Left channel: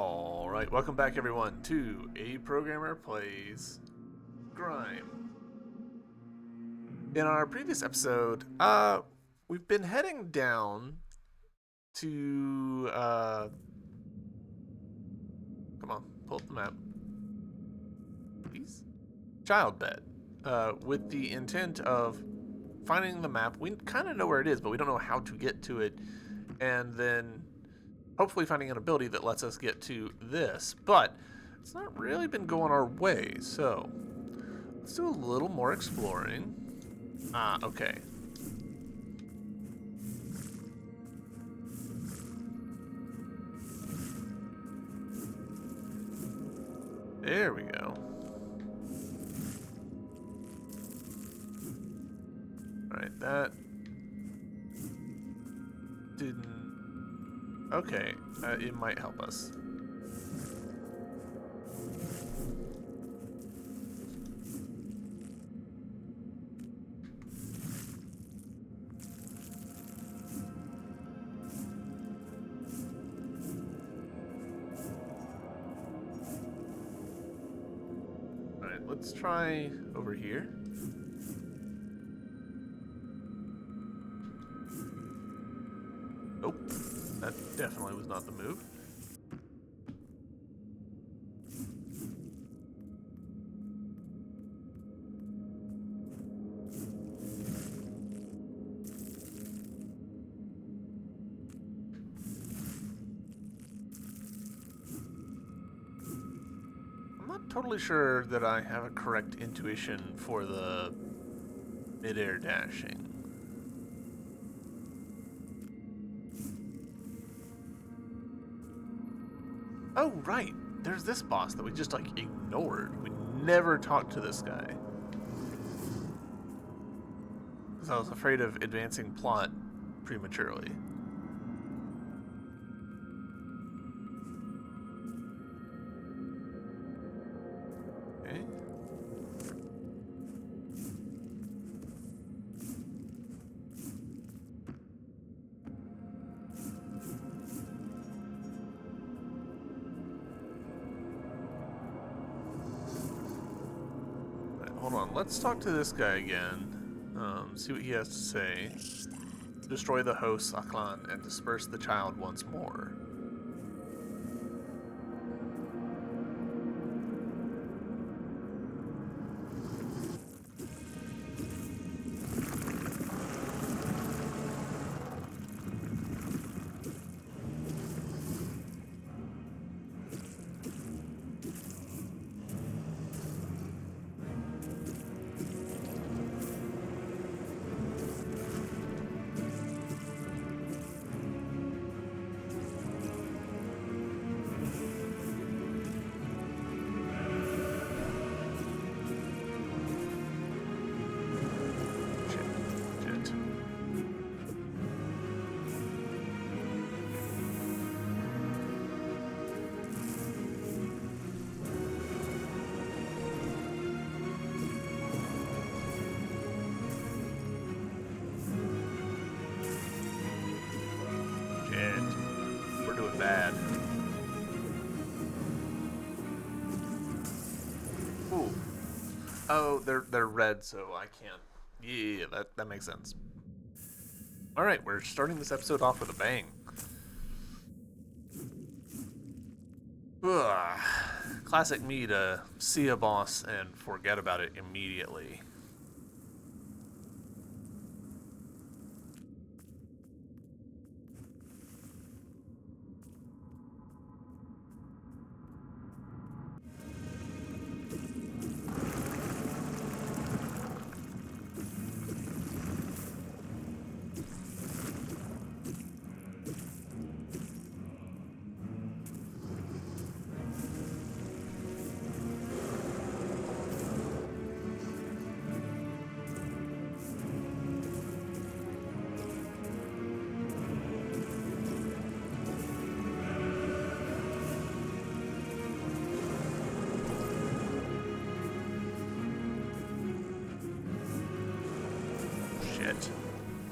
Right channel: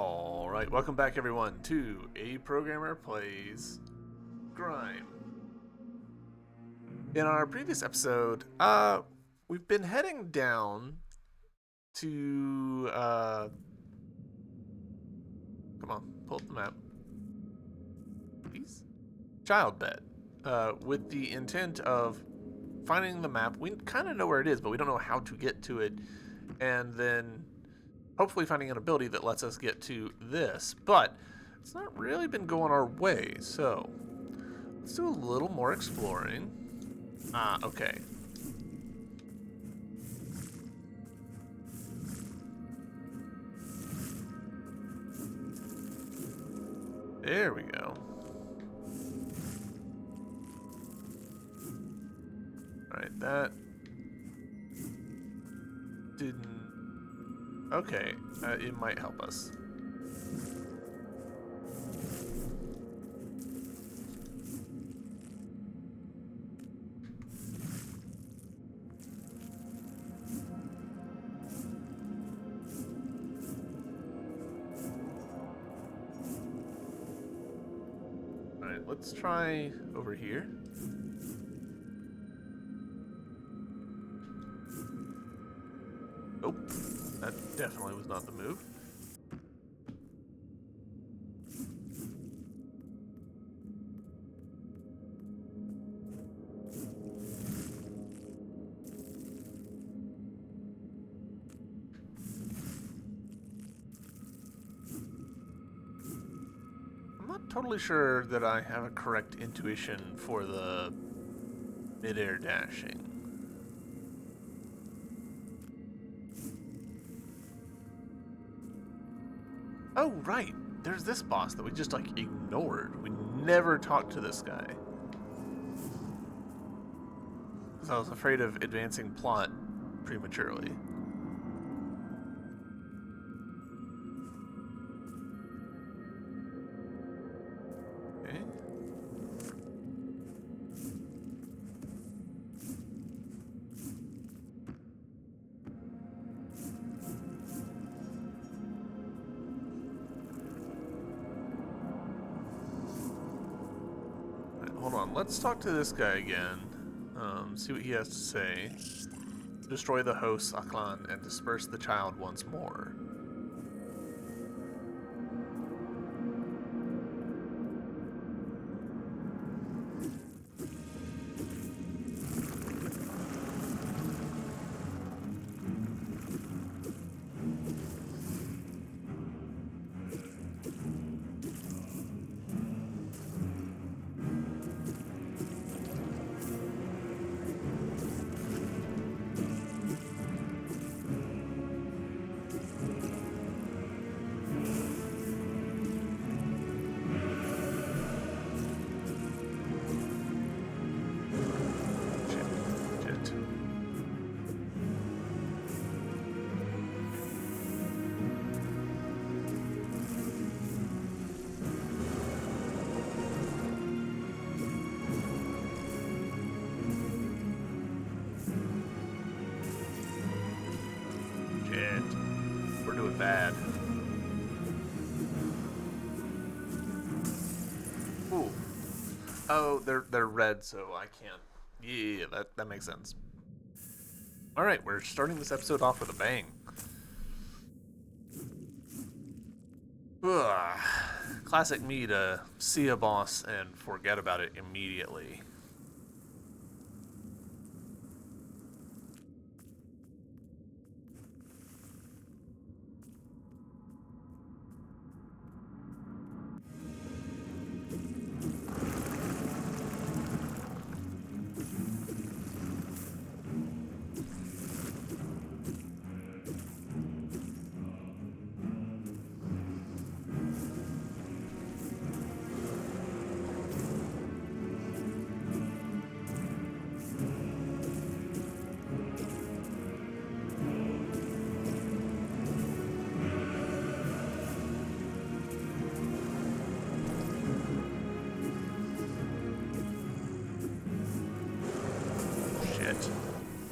Alright, welcome back everyone to A Programmer Plays Grime. In our previous episode, we've been heading down to, come on, pull up the map, please. Child bed, with the intent of finding the map. We kind of know where it is, but we don't know how to get to it, and then hopefully finding an ability that lets us get to this, but it's not really been going our way, so let's do a little more exploring. Okay. There we go. Alright, that didn't... Okay, it might help us. Alright, let's try over here. Nope, that definitely was not the move. I'm not totally sure that I have a correct intuition for the mid-air dashing. Oh, right. There's this boss that we just, like, ignored. We never talked to this guy. Because I was afraid of advancing plot prematurely. Okay. Hold on, let's talk to this guy again. See what he has to say. Destroy the host, Aklan, and disperse the child once more. Shit. We're doing bad. Ooh. Oh, they're red, so I can't. Yeah, that makes sense. All right, we're starting this episode off with a bang. Ugh. Classic me to see a boss and forget about it immediately.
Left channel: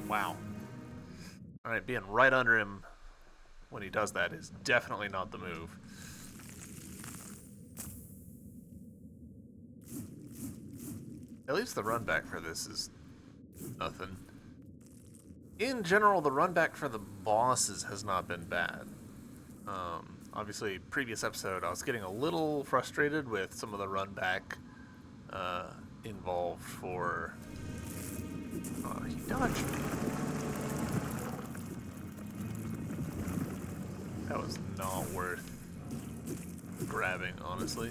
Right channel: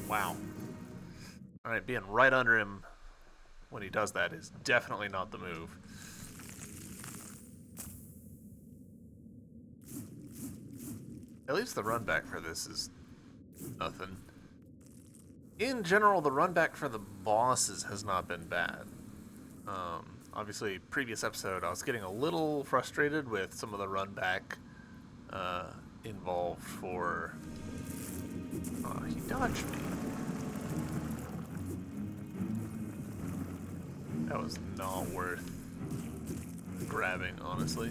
Wow. Alright, being right under him when he does that is definitely not the move. At least the run back for this is nothing. In general, the run back for the bosses has not been bad. Obviously, previous episode, I was getting a little frustrated with some of the run back involved for... he dodged me. That was not worth grabbing, honestly.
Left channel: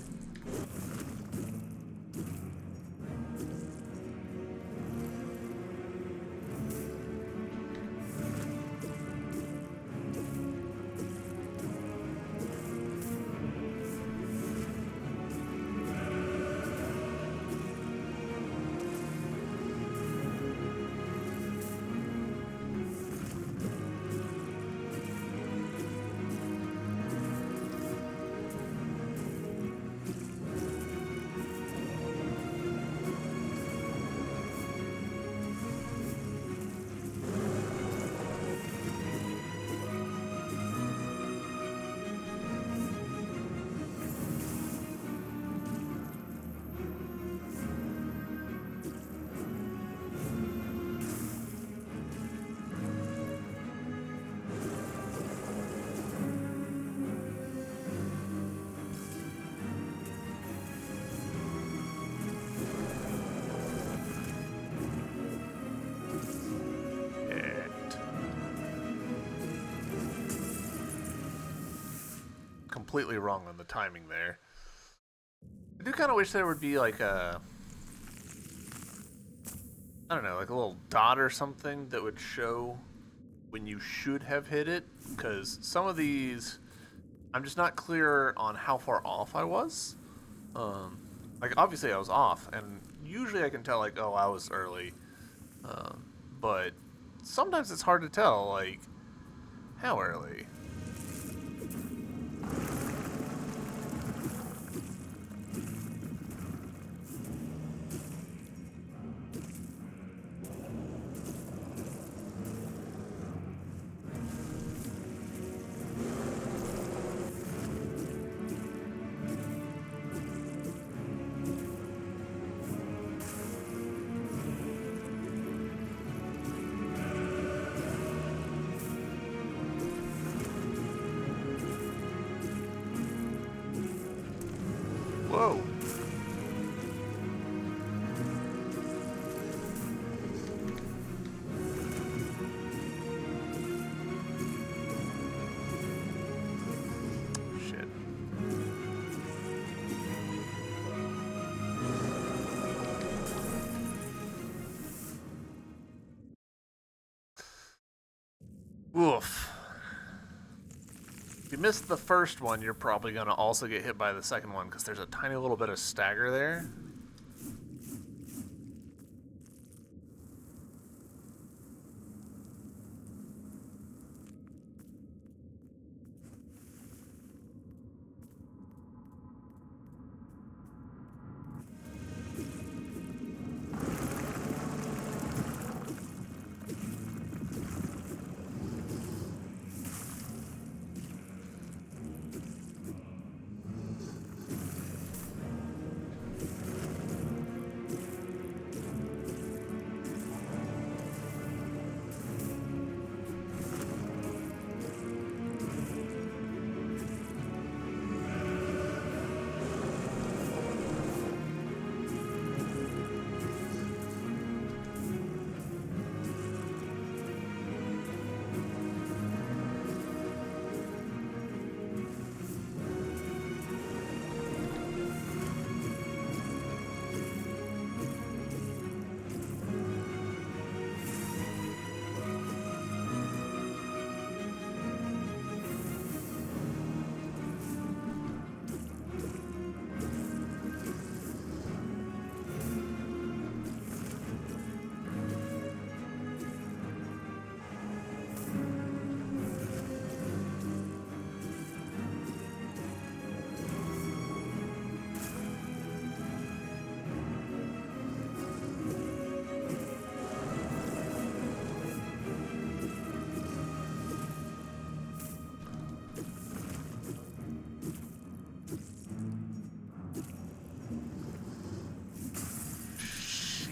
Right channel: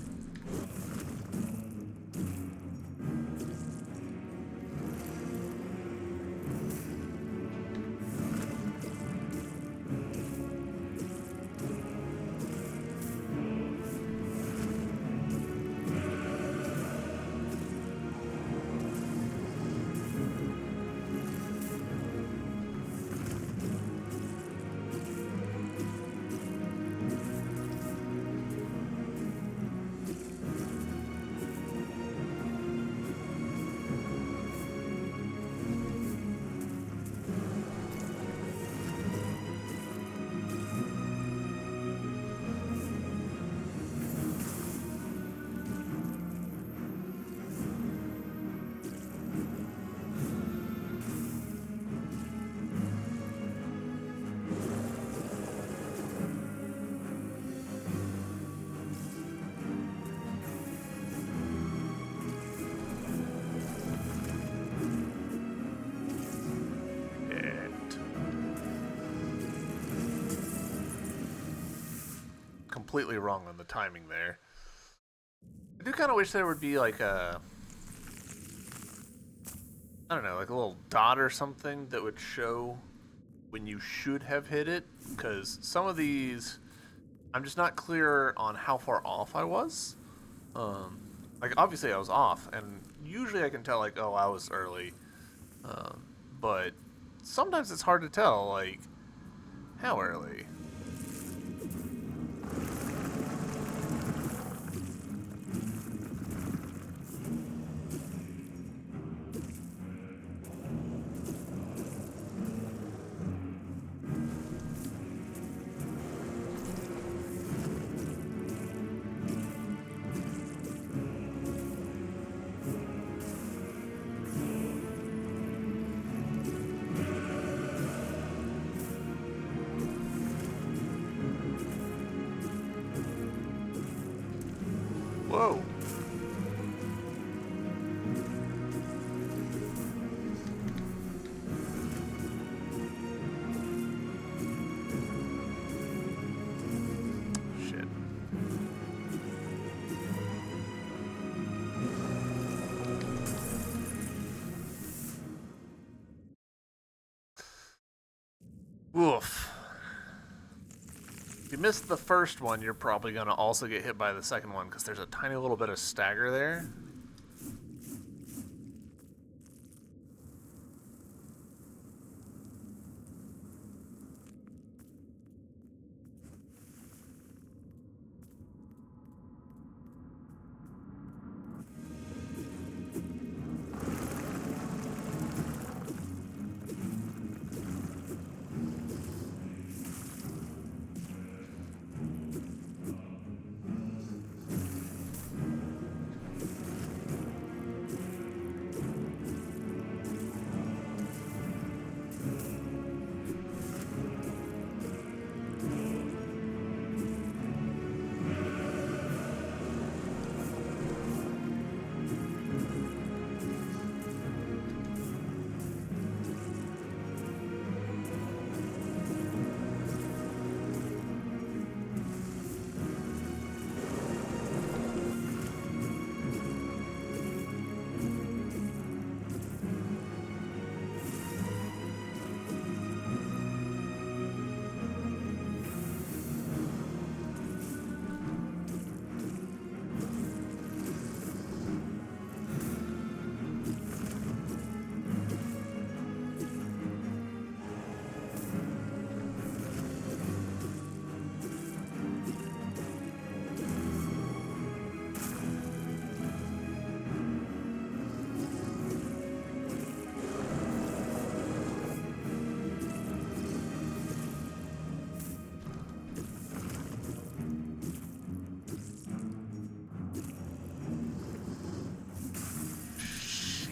Completely wrong on the timing there. I do kind of wish there would be like a, I don't know, like a little dot or something that would show when you should have hit it, because some of these, I'm just not clear on how far off I was. Like obviously I was off, and usually I can tell like, oh, I was early, but sometimes it's hard to tell like how early. Whoa. Shit. Oof. If you missed the first one, you're probably going to also get hit by the second one, because there's a tiny little bit of stagger there.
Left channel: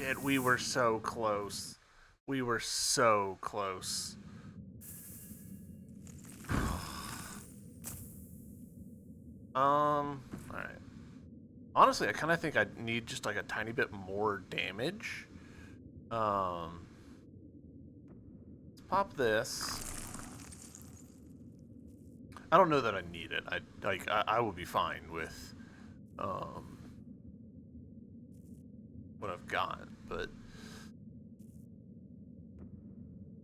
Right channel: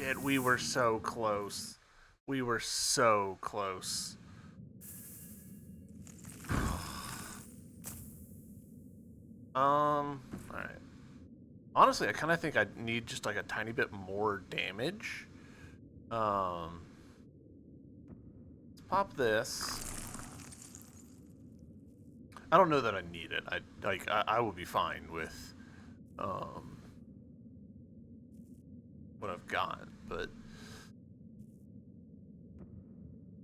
Shit, we were so close. We were so close. Alright. Honestly, I kind of think I need just like a tiny bit more damage. Let's pop this. I don't know that I need it. I will be fine with what I've got, but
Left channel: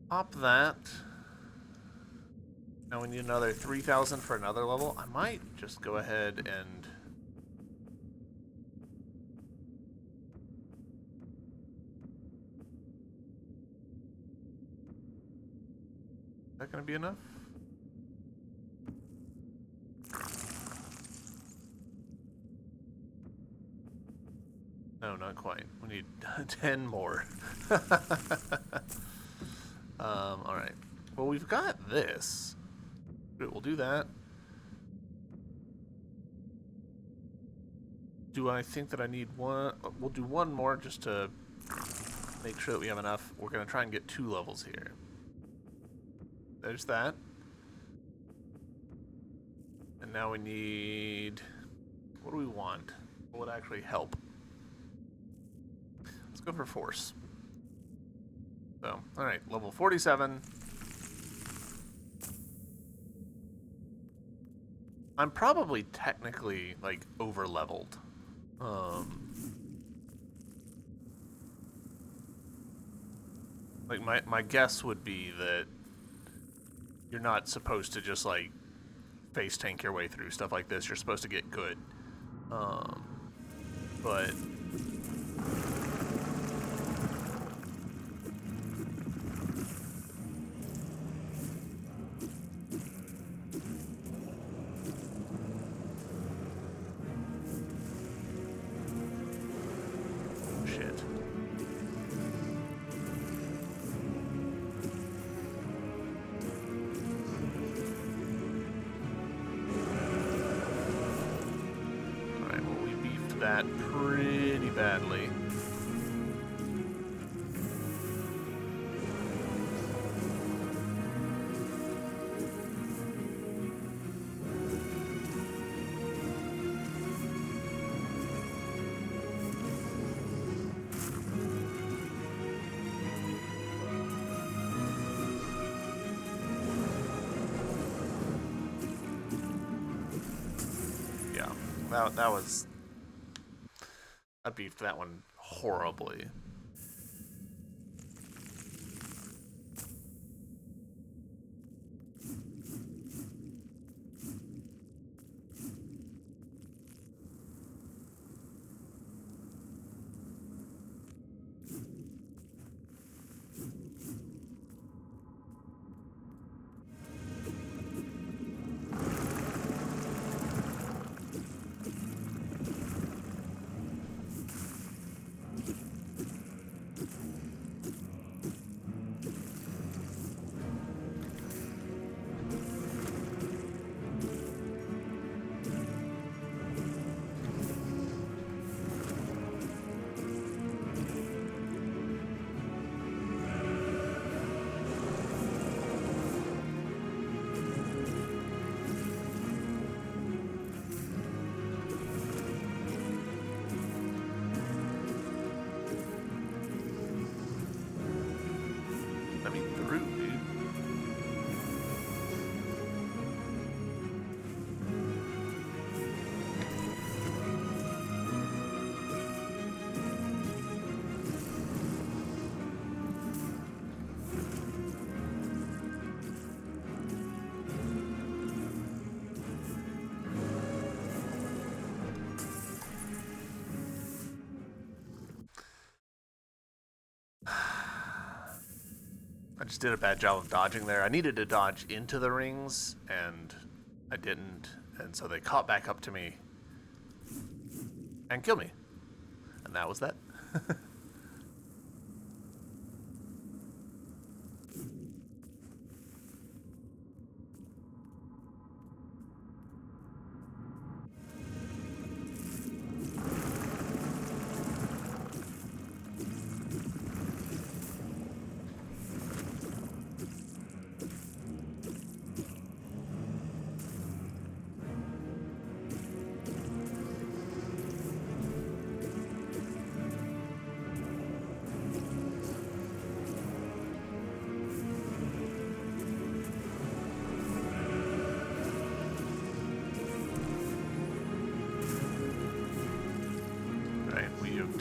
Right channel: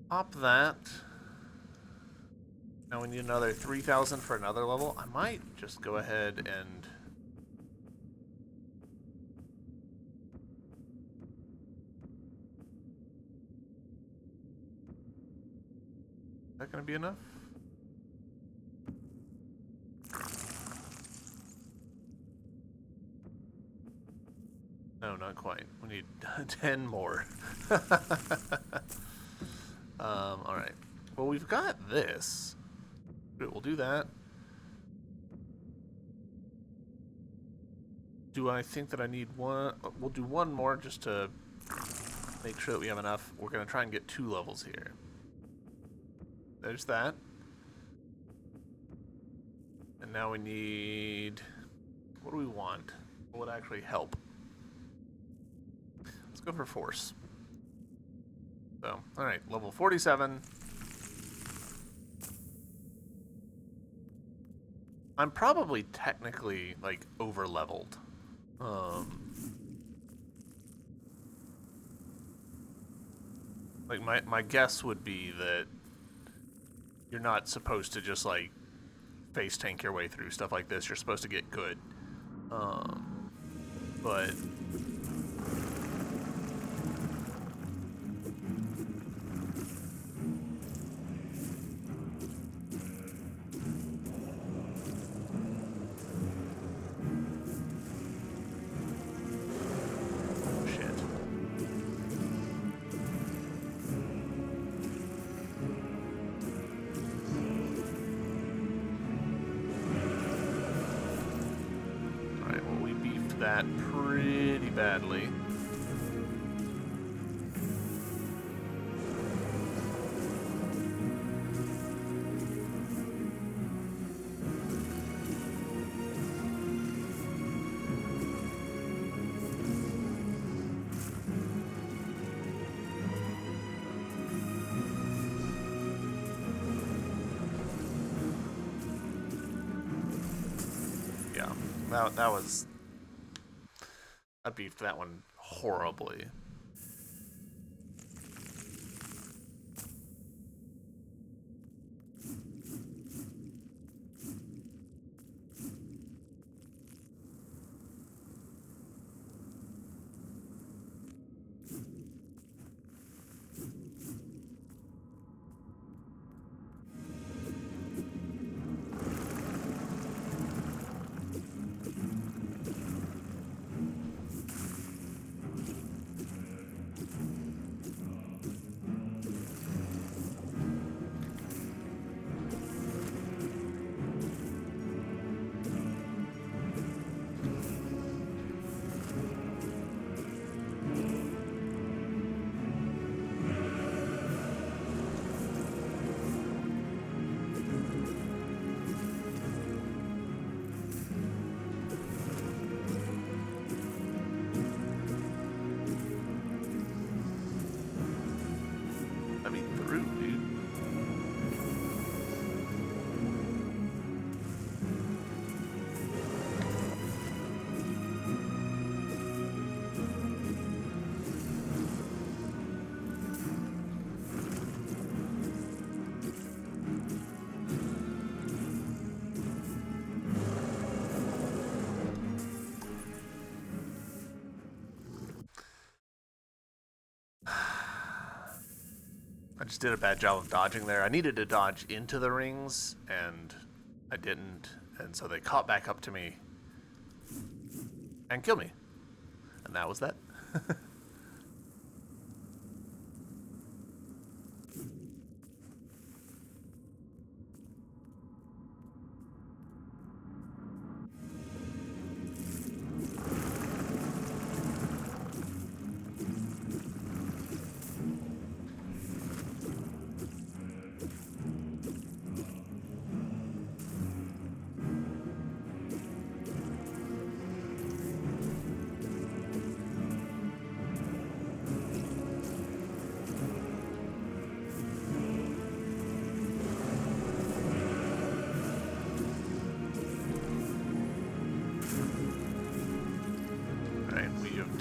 pop that. Now we need another 3,000 for another level. I might just go ahead and is that gonna be enough? No, not quite. We need 10 more. Alright. Well, we've got this. We'll do that. Do I think that I need one? We'll do one more just to make sure that we have enough. We're going to try and get 2 levels here. There's that. And now we need... What do we want? What would actually help? Let's go for force. So, alright, level 47. I'm probably technically, like, over-leveled. Like, my guess would be that you're not supposed to just, like, face tank your way through stuff like this. You're supposed to get good. But... that pretty badly. Yeah, that was... I beefed that one horribly. Let me through, dude. I just did a bad job of dodging there. I needed to dodge into the rings, and I didn't. And so they caught back up to me and killed me. And that was that.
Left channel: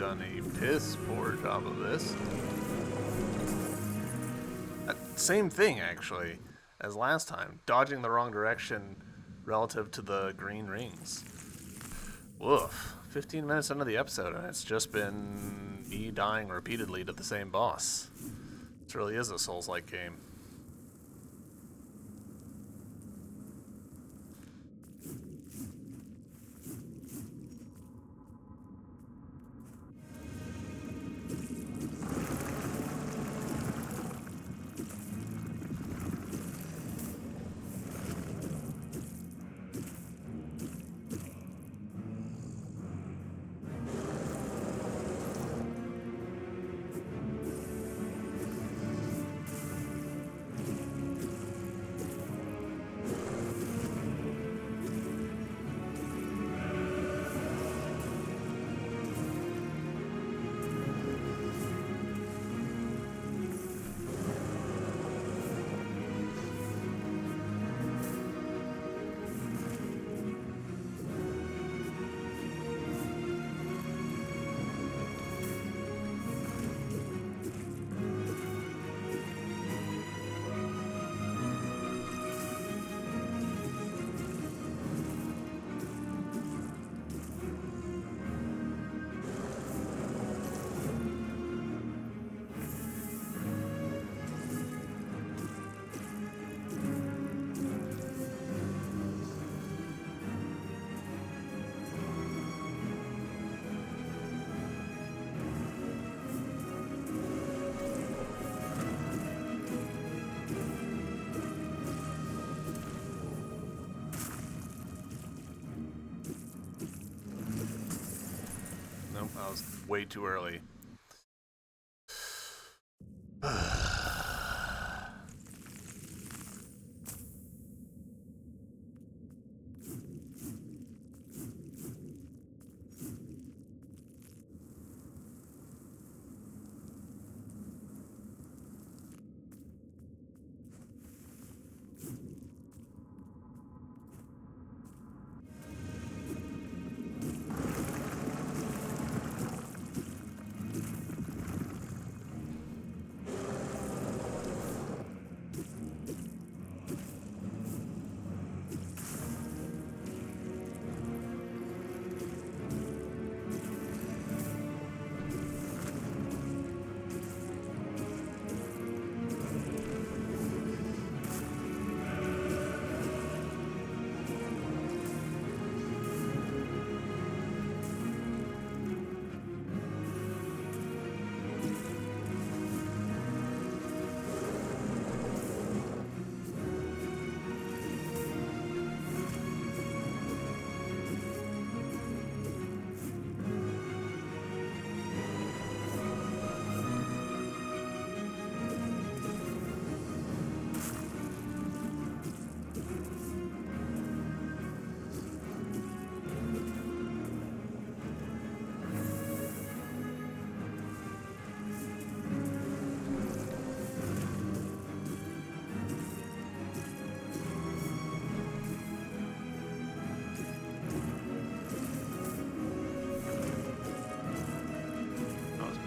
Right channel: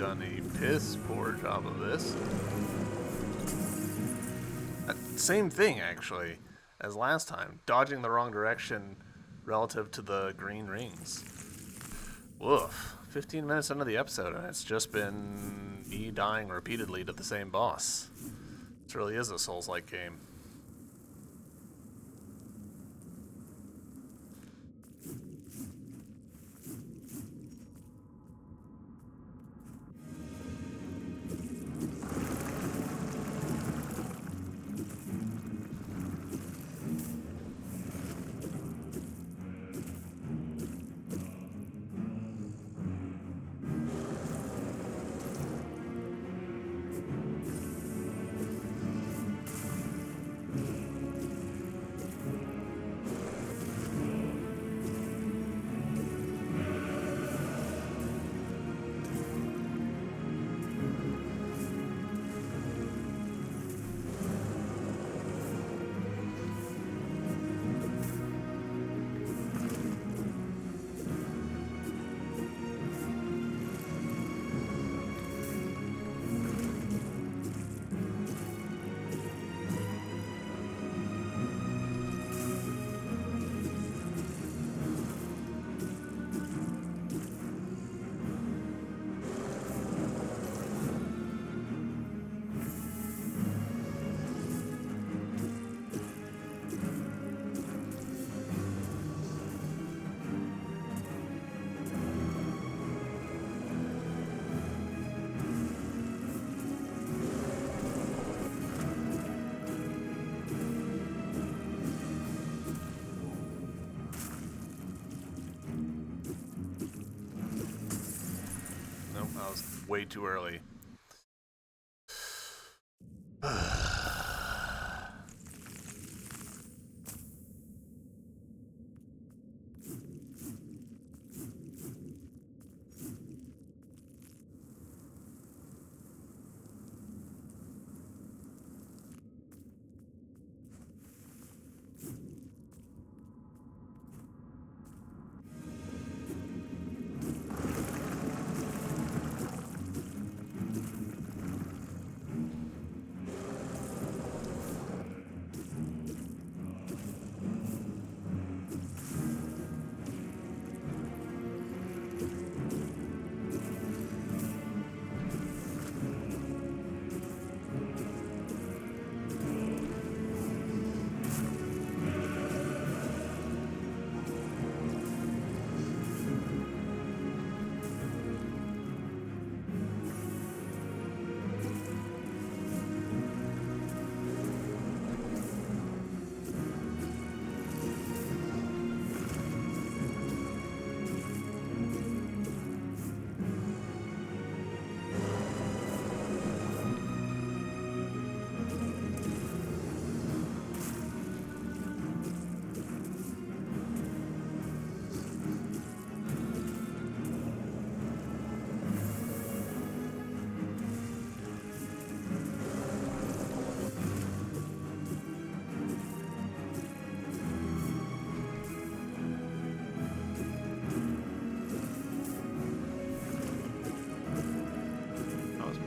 done a piss poor job of this. Same thing, actually, as last time. Dodging the wrong direction relative to the green rings. Woof. 15 minutes into the episode, and it's just been me dying repeatedly to the same boss. This really is a Souls-like game. Nope, I was way too early.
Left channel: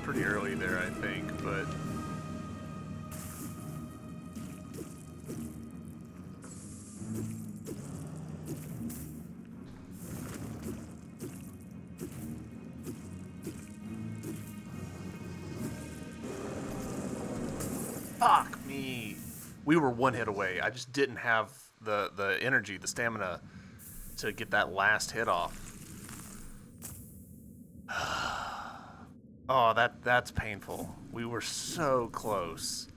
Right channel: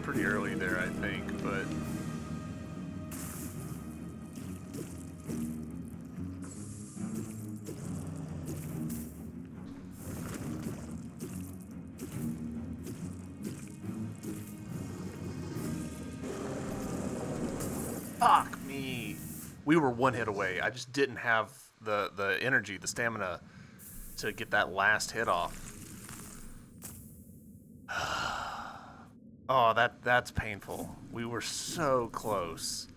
Pretty early there, I think, but fuck me. We were one hit away. I just didn't have the energy, the stamina to get that last hit off. Oh, that's painful. We were so close.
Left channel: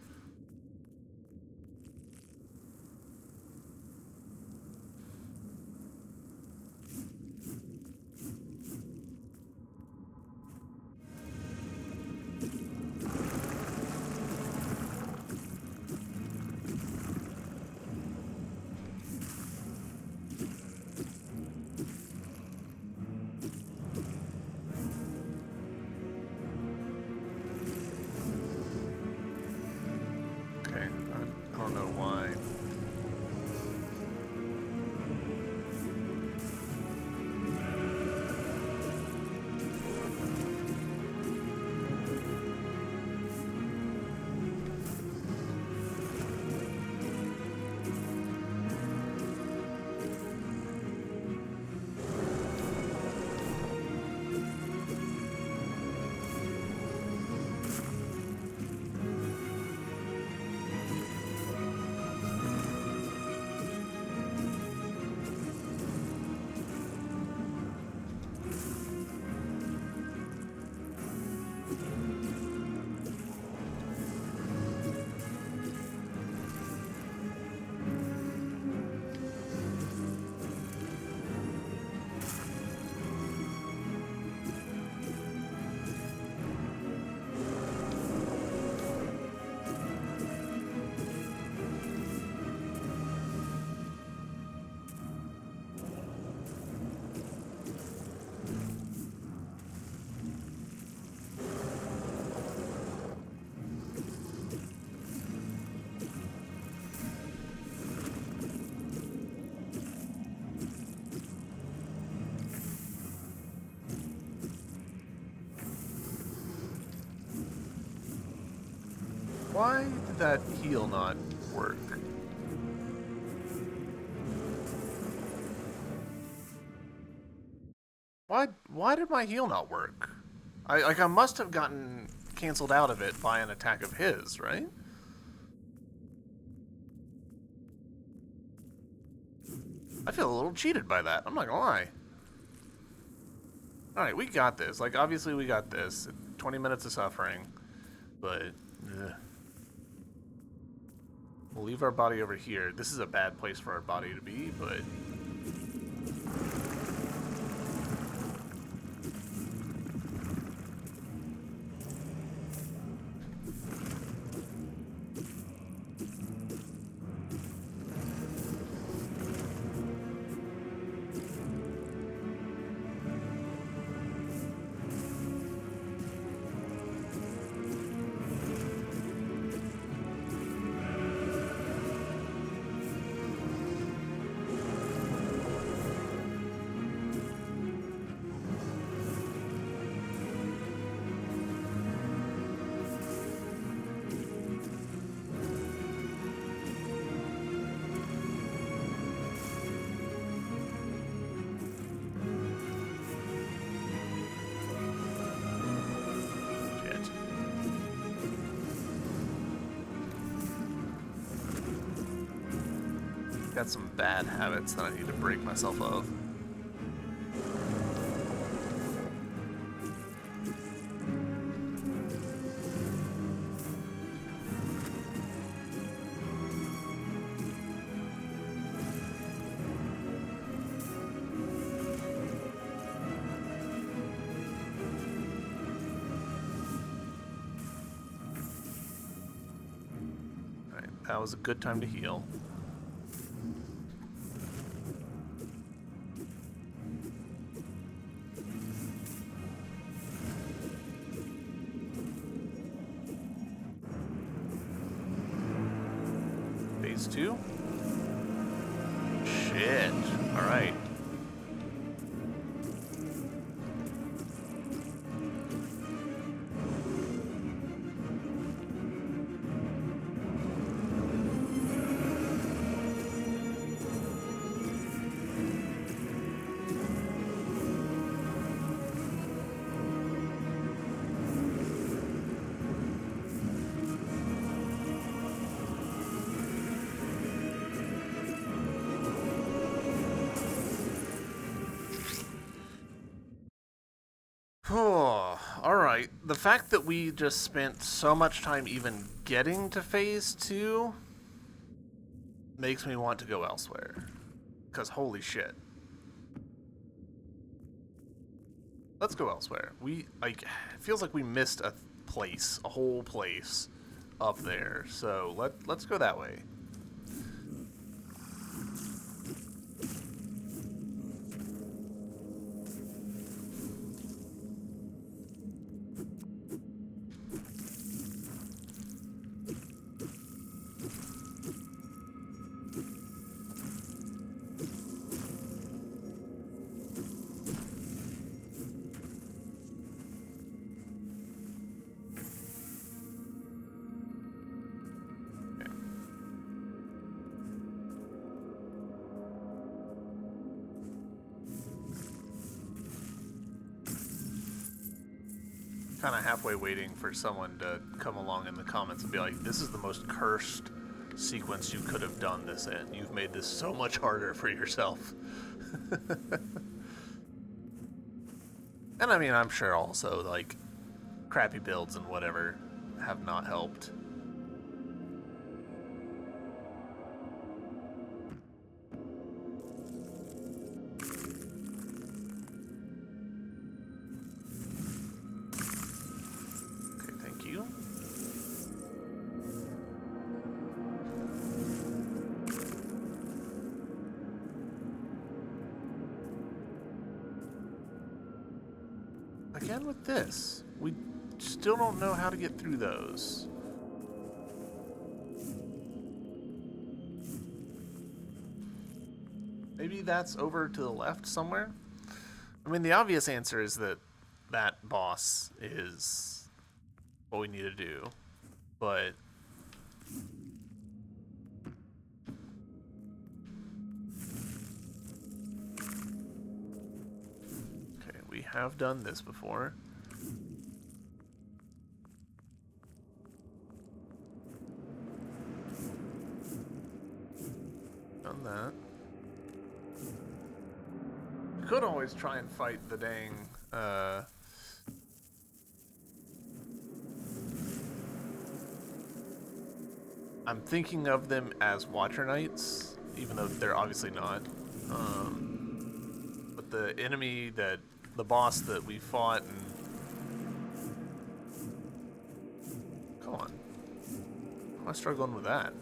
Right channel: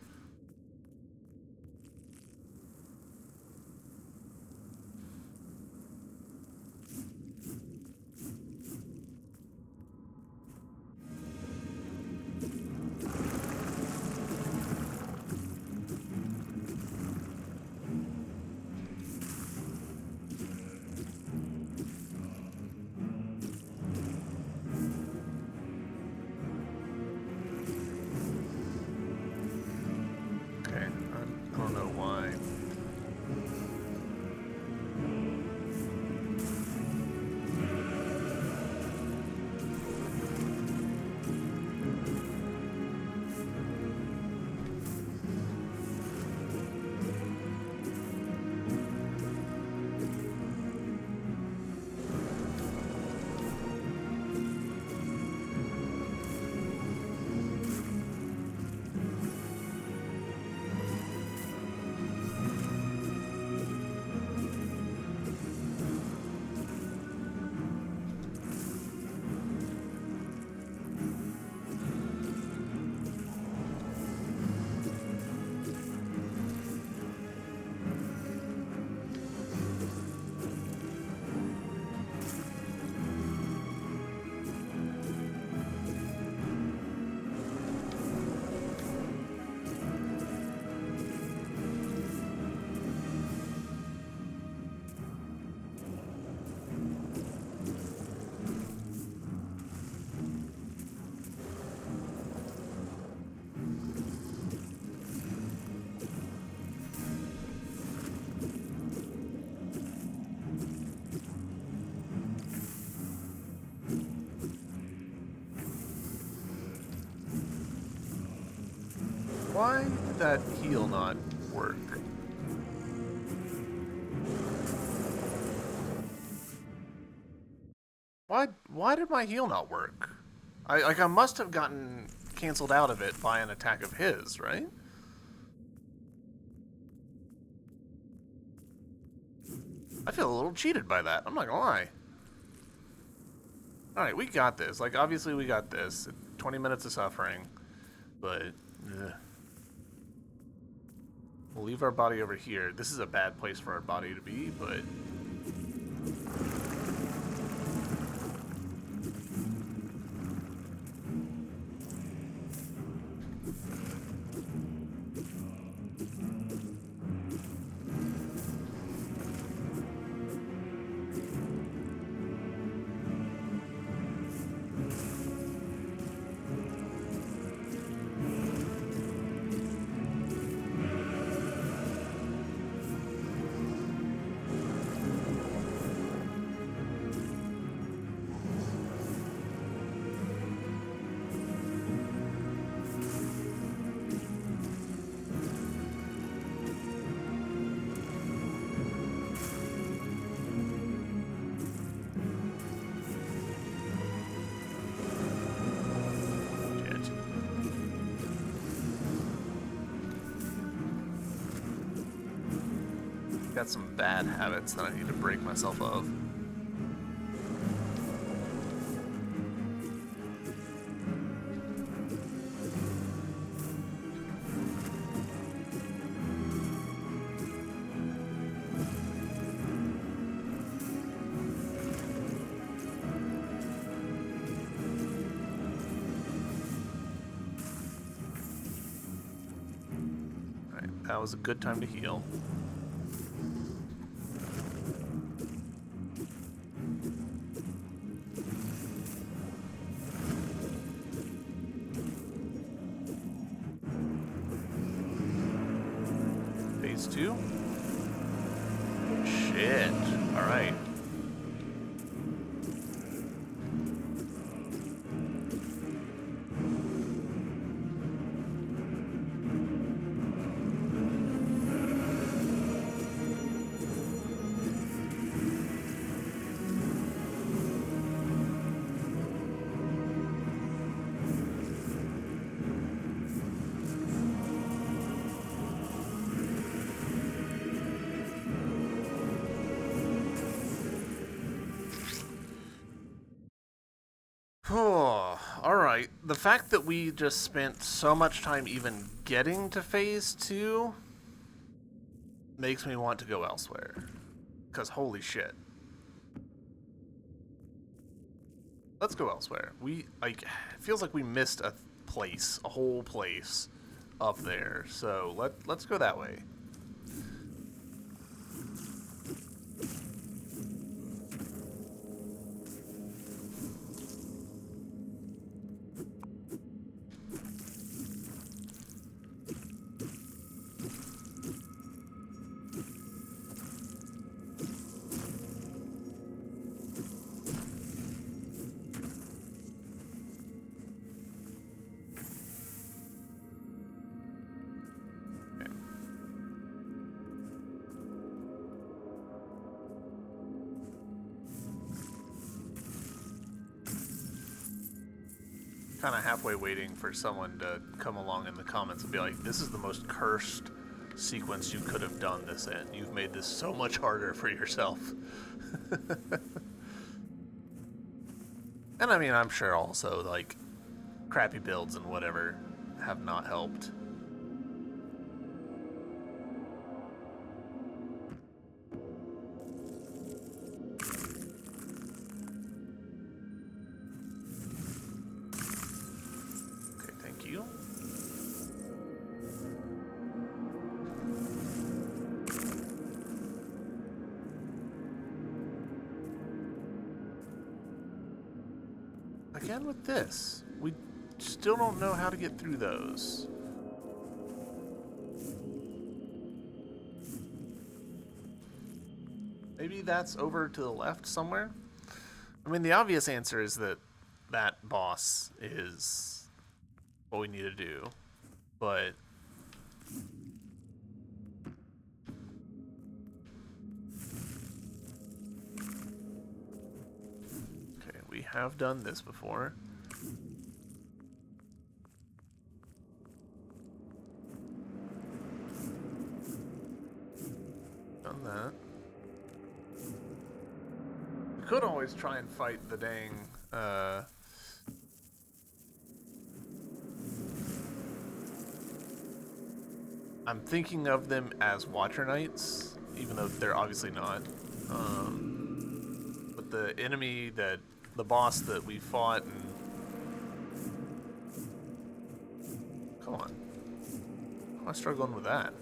did that heal not work? Why did my heal not work? I must have gotten canceled out of it by an attack of his, right? I feel a little cheated by that. I'm not gonna lie. Alright, we got this. Like, obviously we got this. 20 minutes of suffering. But, we'll leave our body over here. This is a bad place for our body to be, but... Got some bad habits that I need to break myself of. Alright, that was a good time to heal. Phase 2? Shit. Alright. Oh, alright. The fact that we just spent so much time even getting to phase 2 makes me want to go elsewhere. Because holy shit. Let's go elsewhere. It feels like we missed a place, a whole place up there. So let's go that way. Kind of halfway waiting for someone to come along in the comments and be like, this is the most cursed sequence you could have done this in. You've made this so much harder for yourself. And I mean, I'm sure also, like, crappy builds and whatever have not helped. Again with this, we still don't know how to get through those. Maybe that's over to the left somewhere? I mean, the obvious answer is that that boss is what we need to do, but have done this before. Done that. We could always try and fight the dang, I'm thinking of them as Watcher Knights, even though they're obviously not. But the enemy the boss that we fought and... Come on. How am I struggling with that?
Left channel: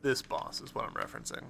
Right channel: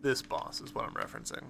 This boss is what I'm referencing.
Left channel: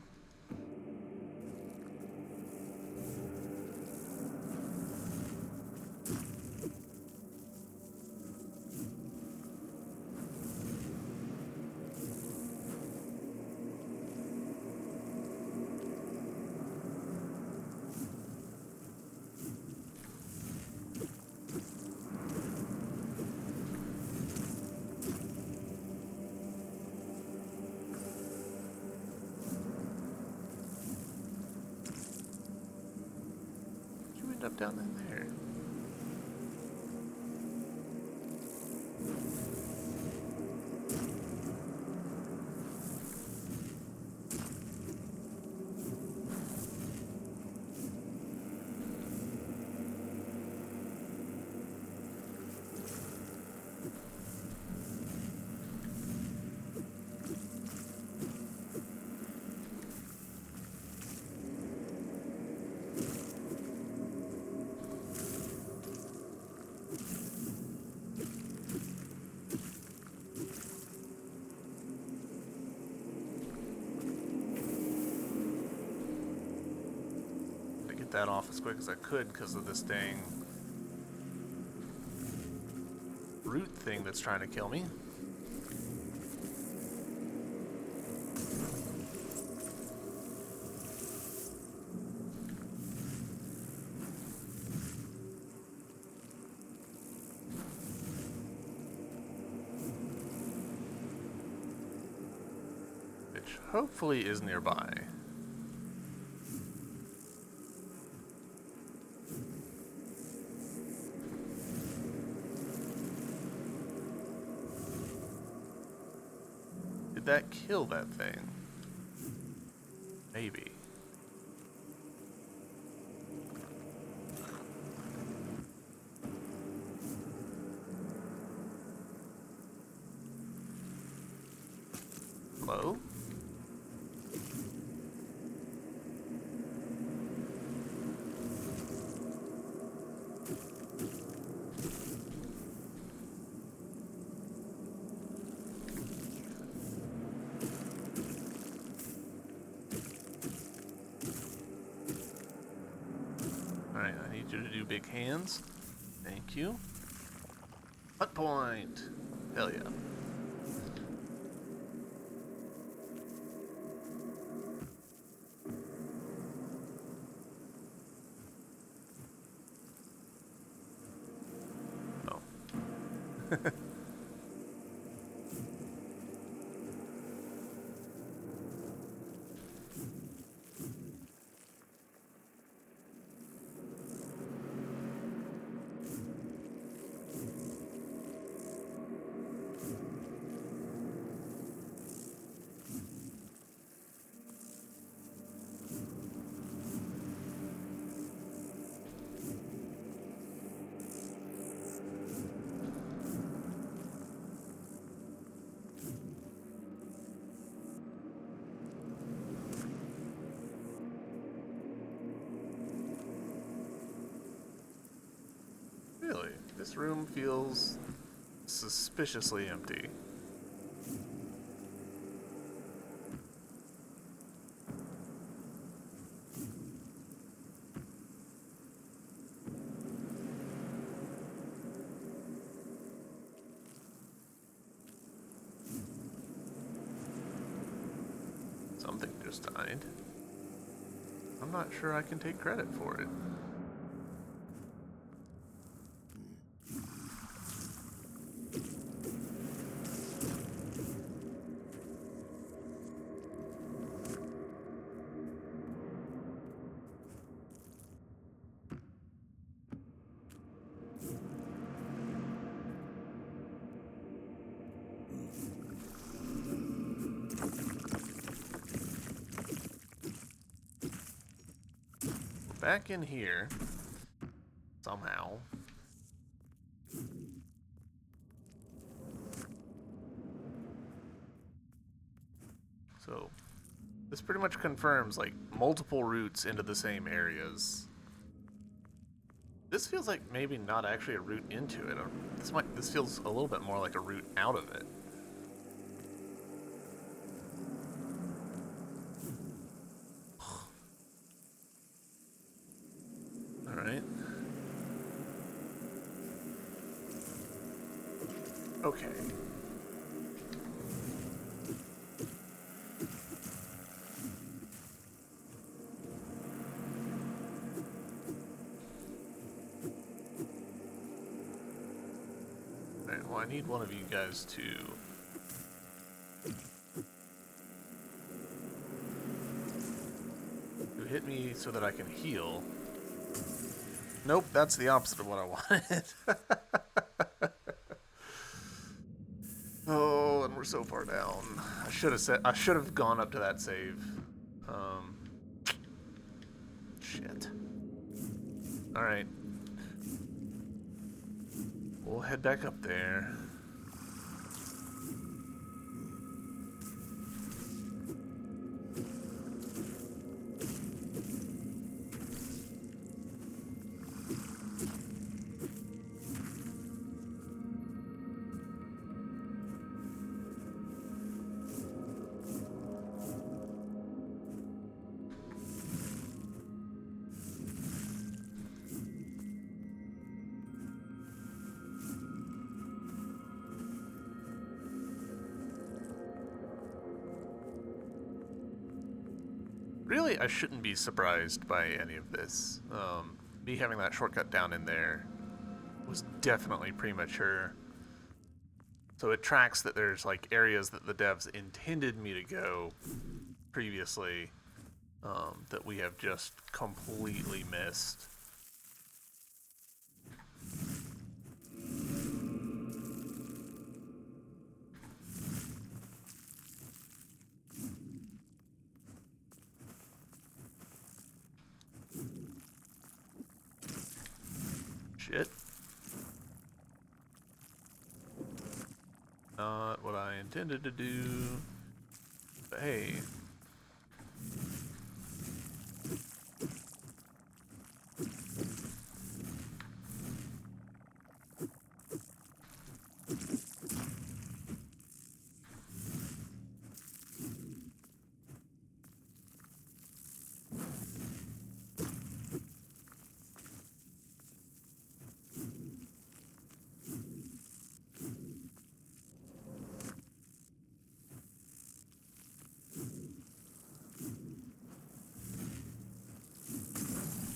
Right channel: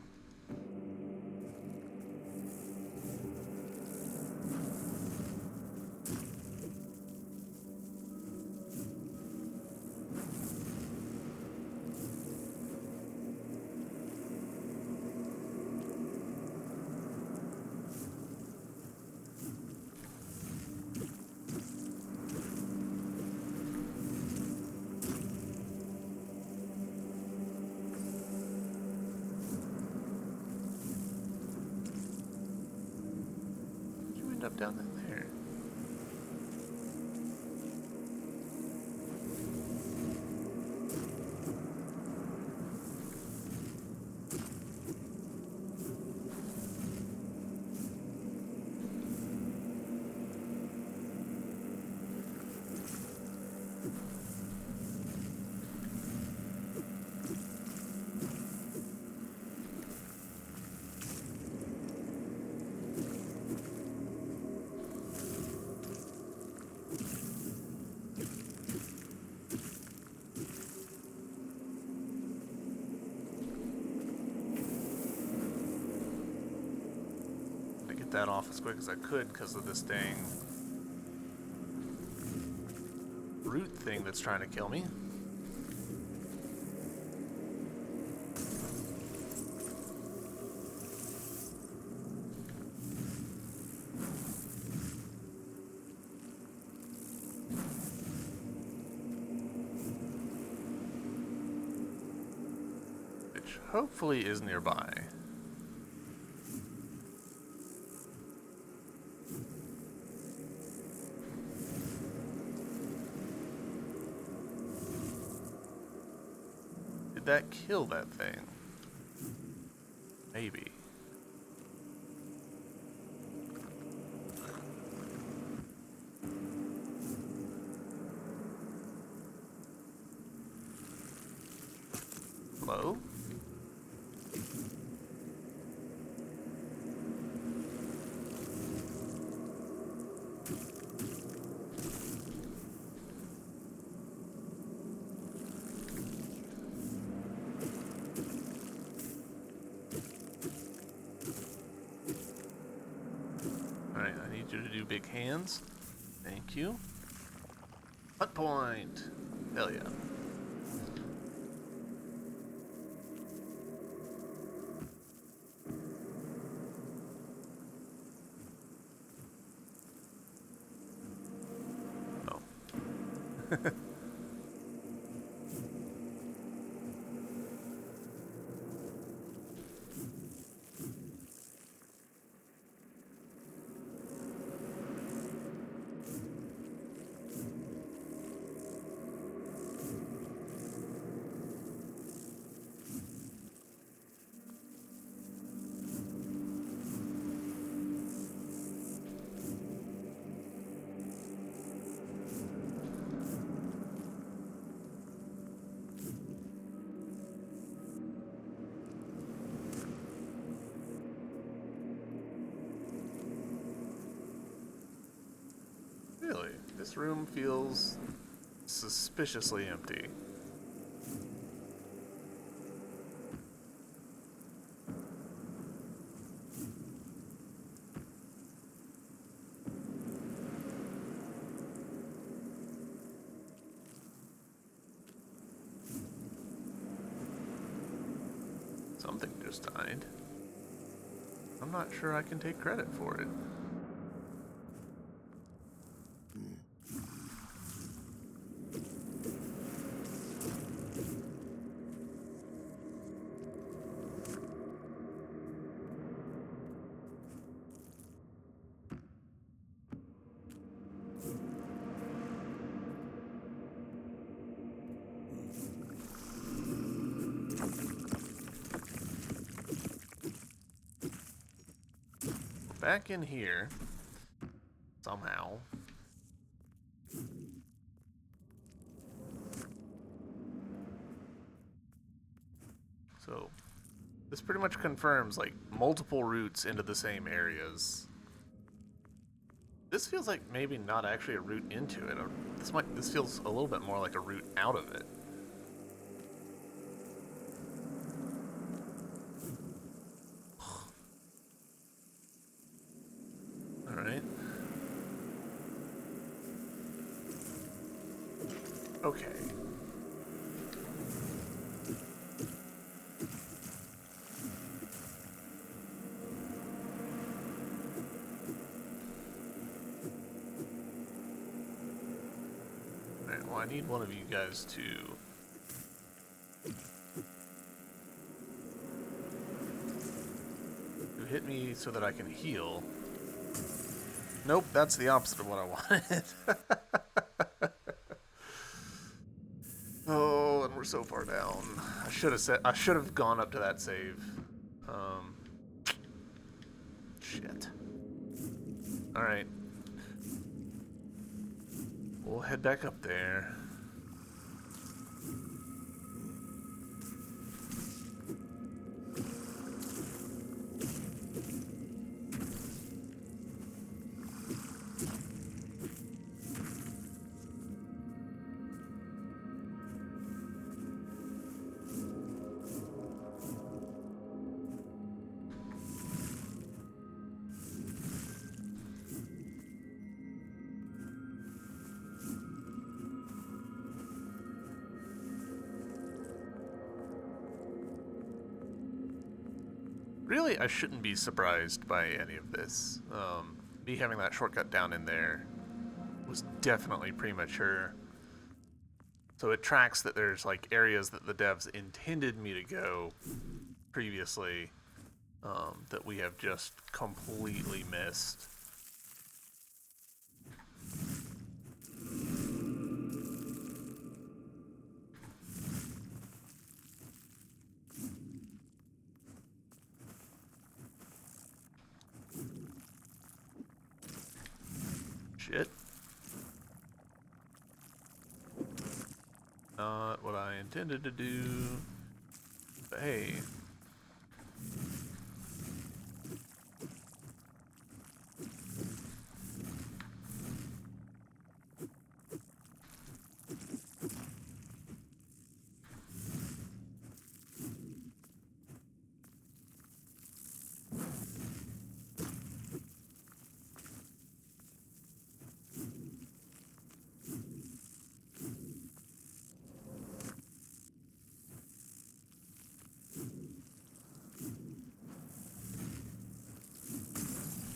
Up down in there. That off as quick as I could because of this dang root thing that's trying to kill me. Which hopefully is nearby. That kill that thing? Maybe. Hello? Alright, I need you to do big hands. Thank you. Hut point. Hell yeah. Oh. Really? This room feels suspiciously empty. Something just died. I'm not sure I can take credit for it. Back in here, somehow. So, this pretty much confirms, like, multiple routes into the same areas. This feels like maybe not actually a route into it. This feels a little bit more like a route out of it. Alright. Okay. Alright, well, I need one of you guys to hit me so that I can heal. Nope, that's the opposite of what I wanted. Oh, and we're so far down. I should have gone up to that save. Shit. Alright. We'll head back up there. Really, I shouldn't be surprised by any of this. Me having that shortcut down in there was definitely premature. So it tracks that there's like areas that the devs intended me to go previously that we have just completely missed. Shit. Not what I intended to do. But hey.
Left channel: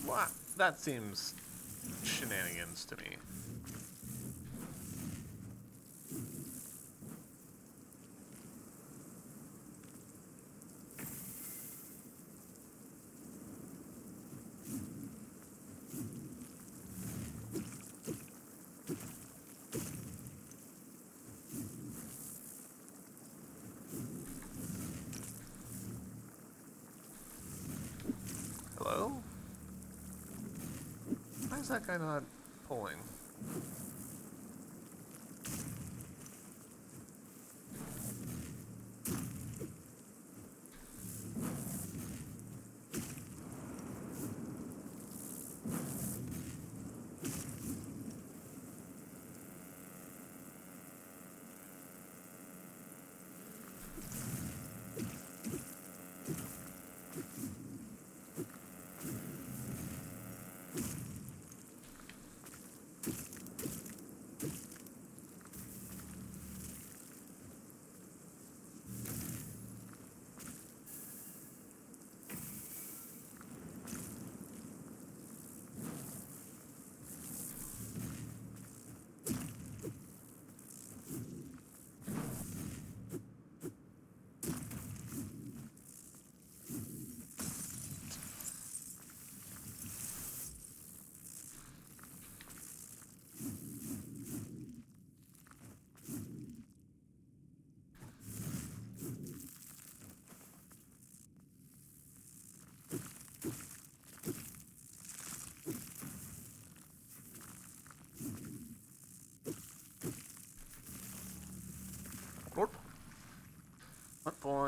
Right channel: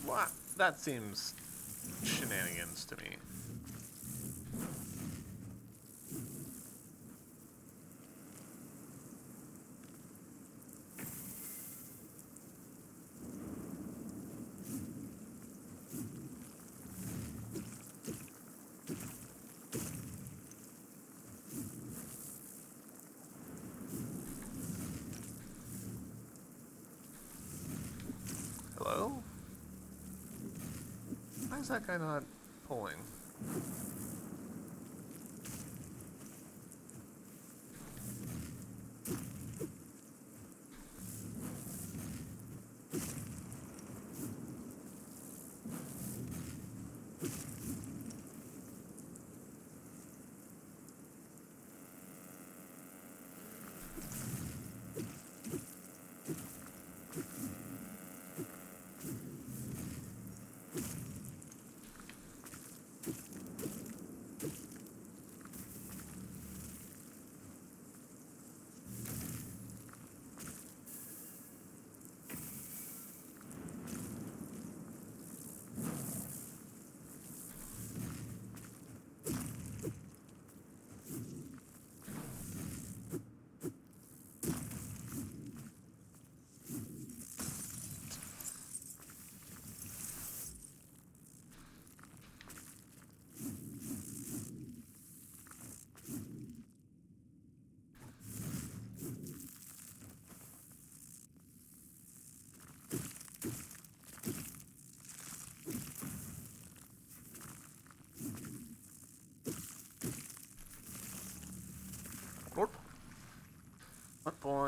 What? That seems shenanigans to me. Hello? Why is that guy not pulling?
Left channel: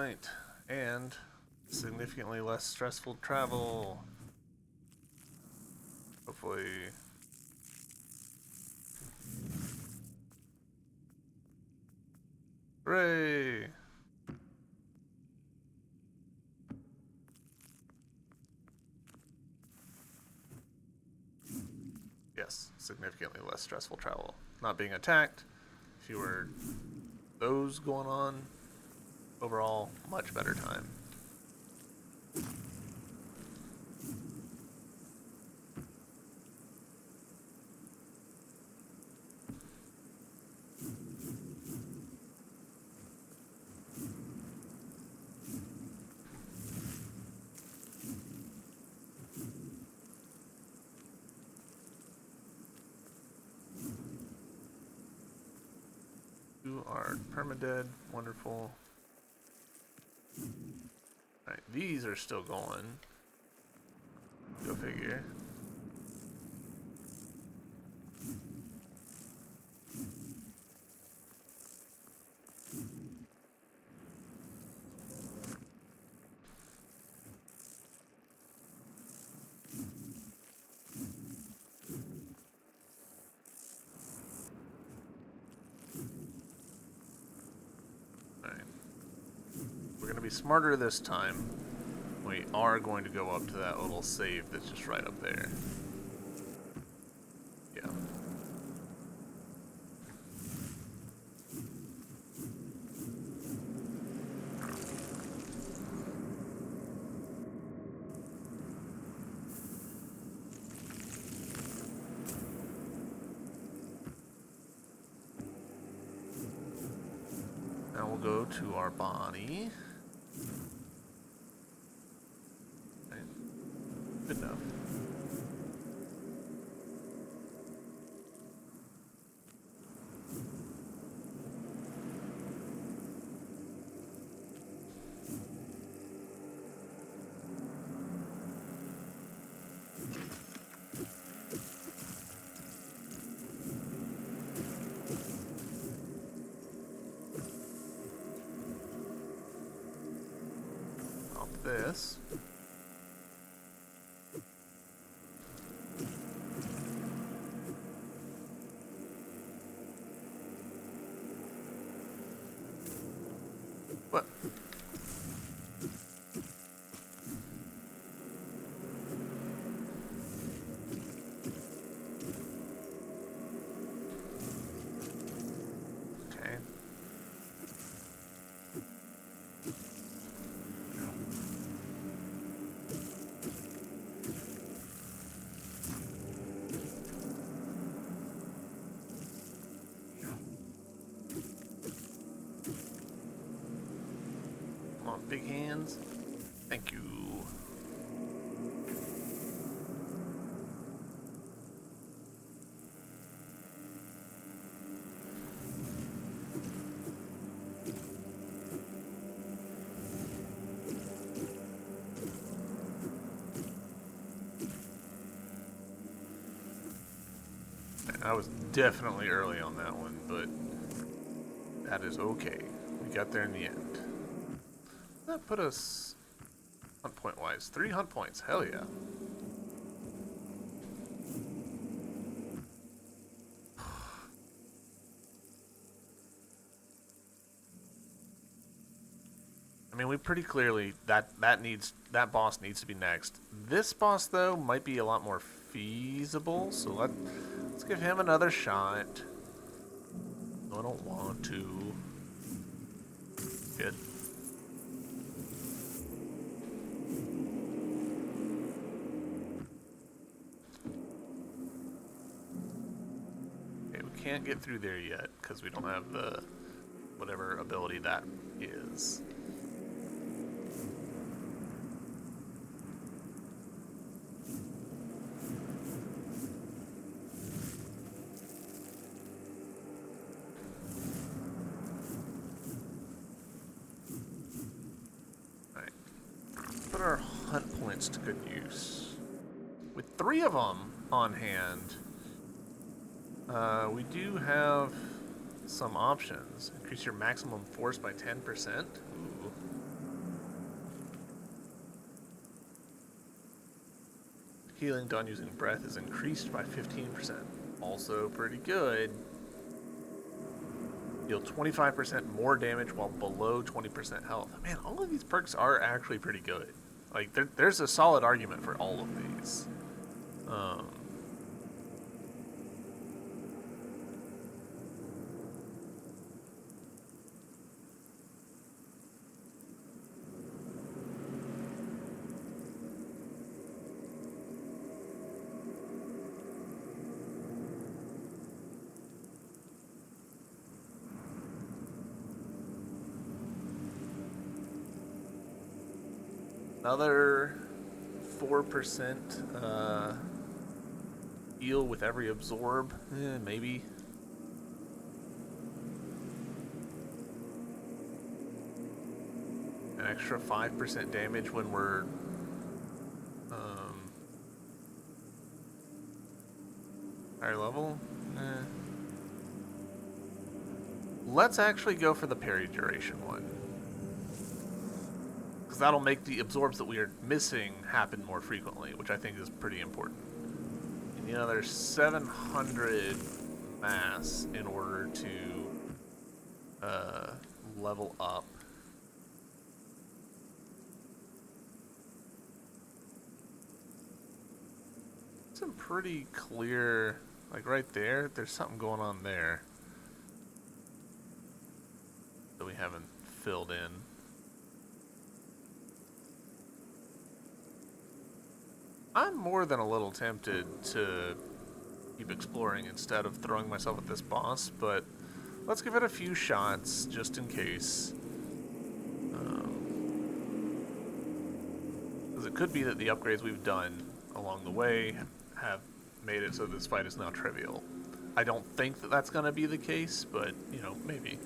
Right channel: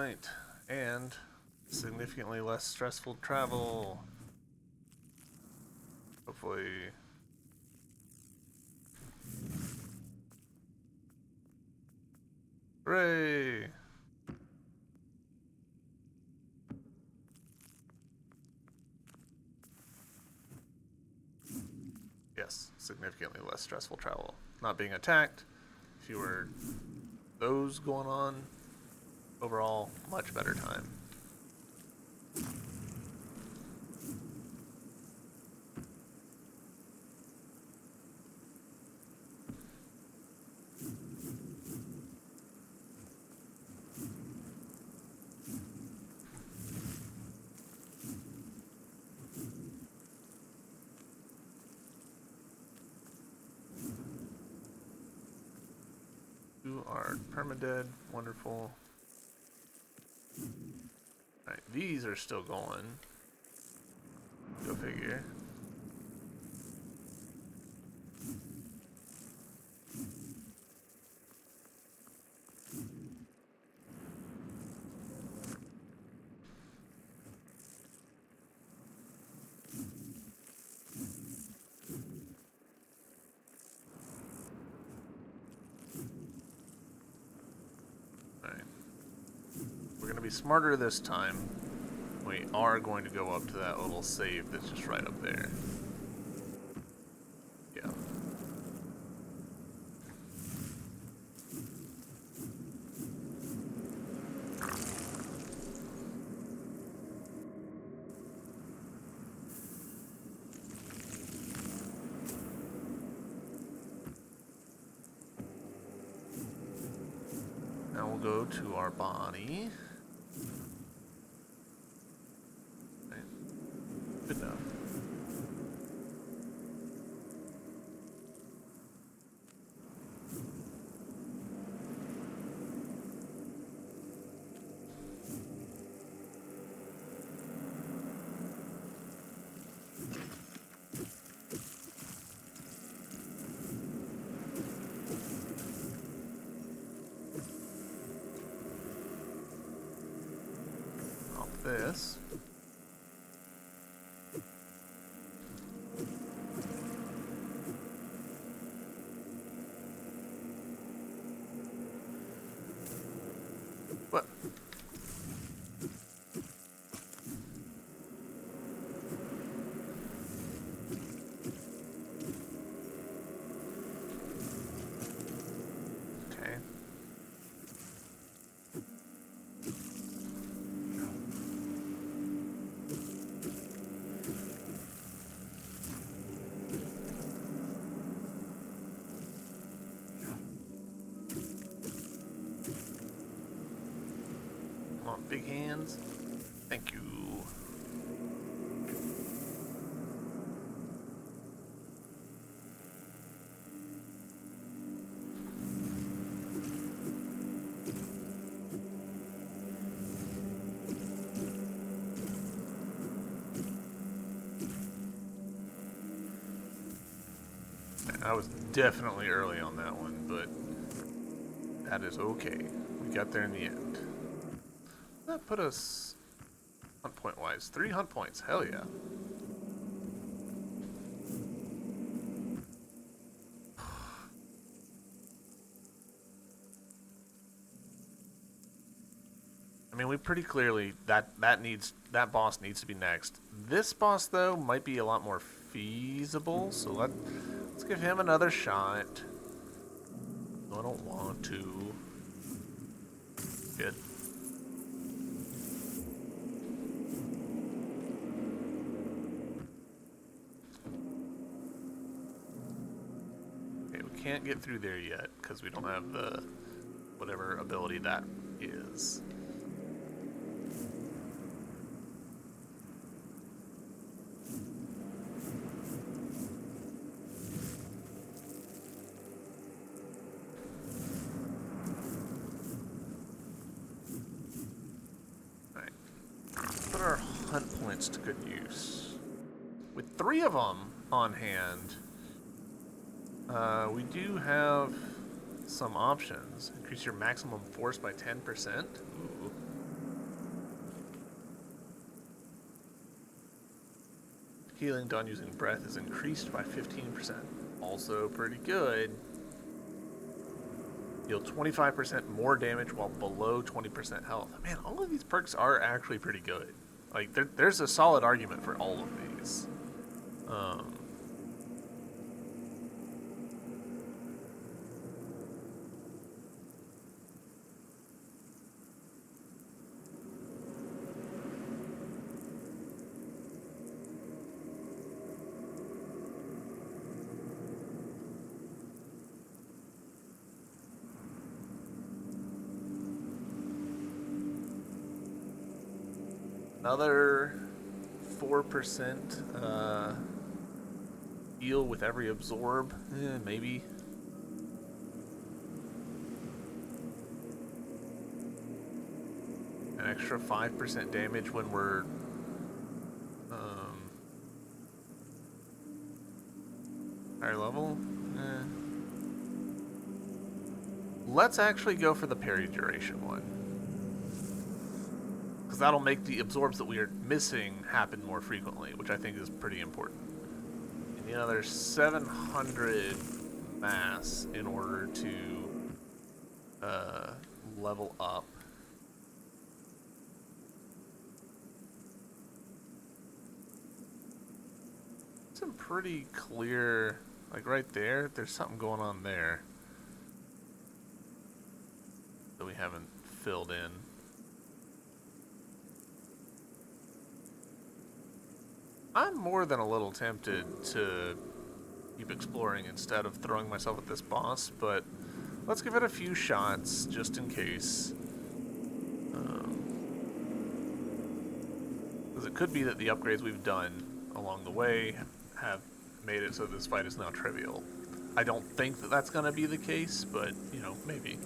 point and significantly less stressful travel. Hopefully. Hooray! Yes, significantly less stressful travel. Not being attacked, fewer those going on. Overall, much better time. You are permadead. Wonderful. Alright, these are still going. Go figure. Alright. We're going to be smarter this time. We are going to go up to that little save that's just right up there. Yeah. Now we'll go to our body. Right. Good enough. This. What? Okay. Come on, big hands. Thank you. I was definitely early on that one, but that is okay. We got there in the end. That put us hunt point wise. 3 hunt points. Hell yeah. I mean, we pretty clearly that boss needs to be next. This boss though might be a lot more feasible, so let's give him another shot. No, I don't want to. Good. Okay, we can't get through there yet because we don't have the whatever ability that is. Put our hunt points to good use. With 3 of them on hand, we do have some options. Increase your maximum force by 10%. Ooh. Healing done using breath is increased by 15%. Also pretty good. Deal 25% more damage while below 20% health. Man, all of these perks are actually pretty good. Like, there's a solid argument for all of these. Another 4% heal with every absorb. Maybe. An extra 5% damage when we're higher level. Let's actually go for the parry duration one, because that'll make the absorbs that we are missing happen more frequently, which I think is pretty important. And you know, there's 700 mass in order to level up. Some pretty clear, like right there, there's something going on there that we haven't filled in. I'm more than a little tempted to keep exploring instead of throwing myself at this boss, but let's give it a few shots just in case. Because it could be that the upgrades we've done along the way have made it so this fight is now trivial. I don't think that that's going to be the case, but, you know, maybe.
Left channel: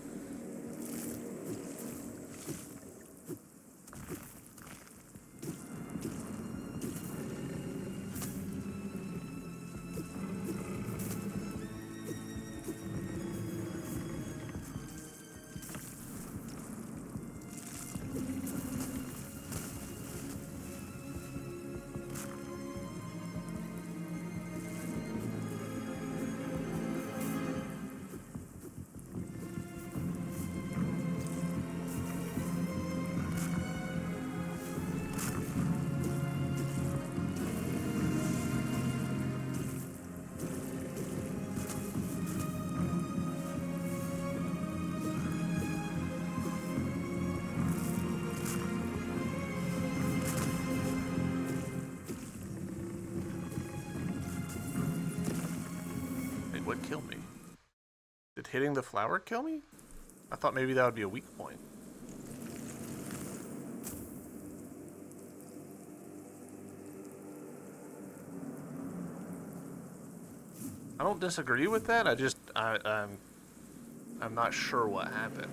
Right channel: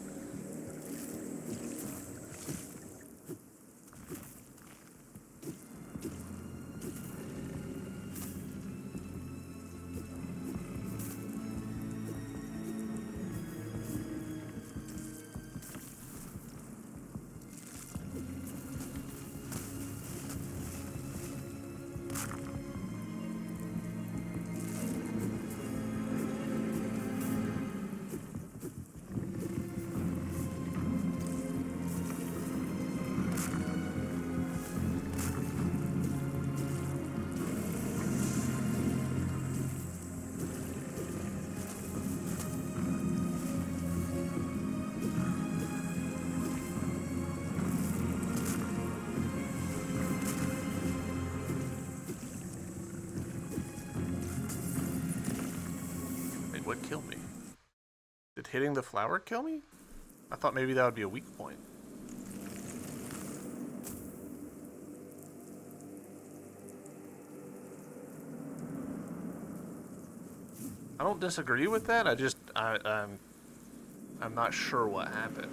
What killed me? Did hitting the flower kill me? I thought maybe that would be a weak point. I don't disagree with that. I'm not sure what happened.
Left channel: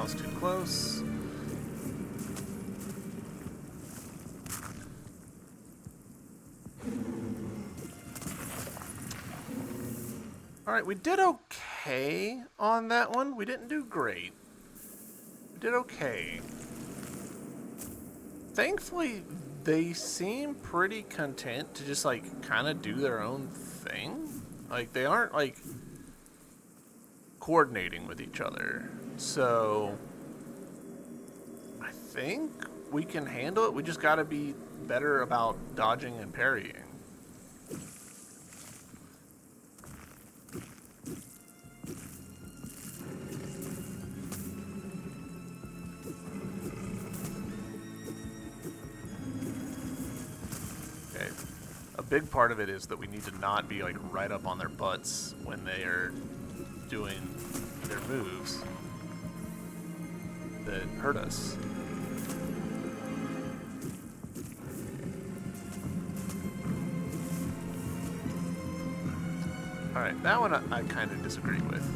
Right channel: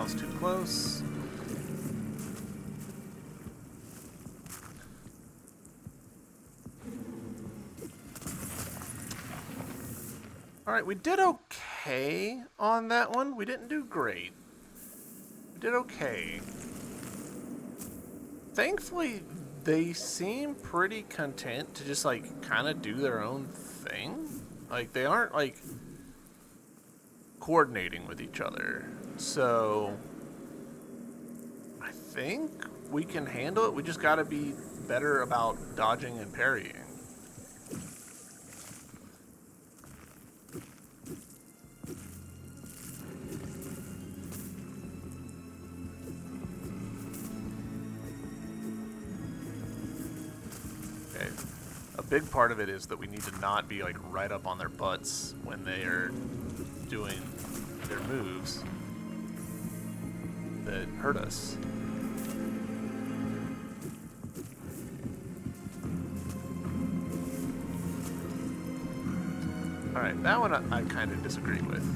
I was too close. Alright, we did okay on that one. We didn't do great. We did okay. Thankfully, they seem pretty content to just, like, kind of do their own thing. Like, they aren't, like, coordinating with each other. So, I think we can handle it. We just gotta be better about dodging and parrying. A big part of it is that we need to not be like right up on their butts when they are doing their moves that hurt us. Alright, that one I kind of disagree with.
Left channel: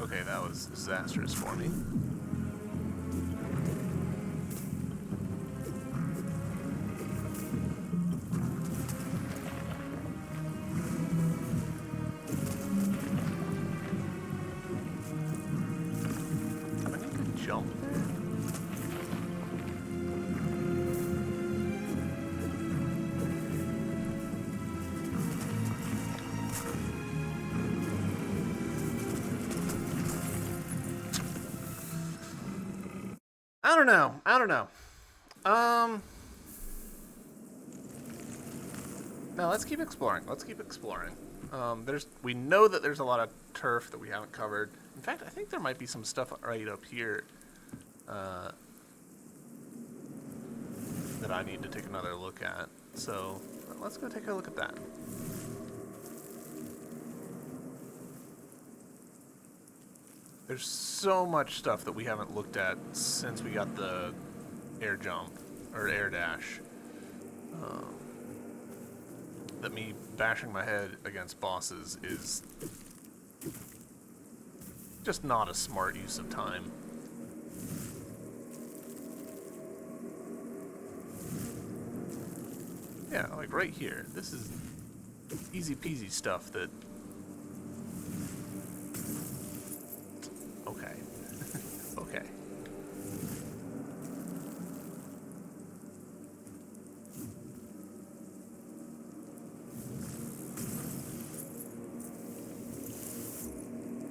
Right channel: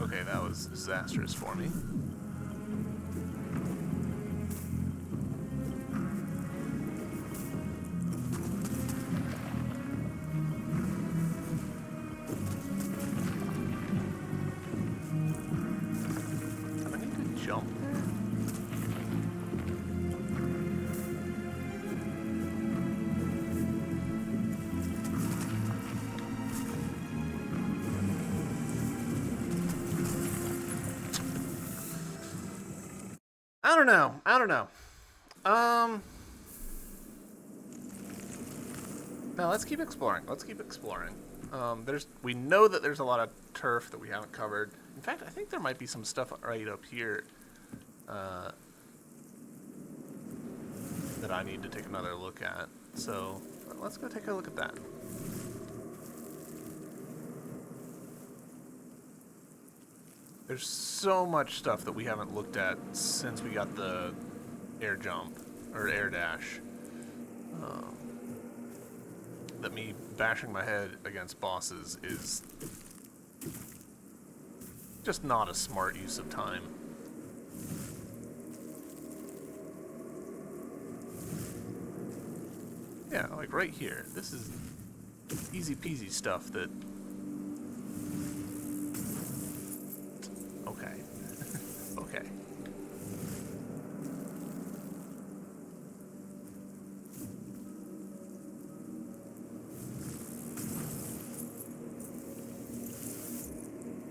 Okay, that was disastrous for me. Do I need to jump there? I don't know. No, let's keep exploring. We know that there's a lot of turf that we haven't covered. In fact, I think there might be some stuff right up here that I need to take another look at. So let's go take a look at that. There's so much stuff that we haven't looked at since we got the air jump, or air dash. That me bashing my head against bosses is just not a smart use of time. Yeah, like right here. This is easy peasy stuff that... Okay. Okay.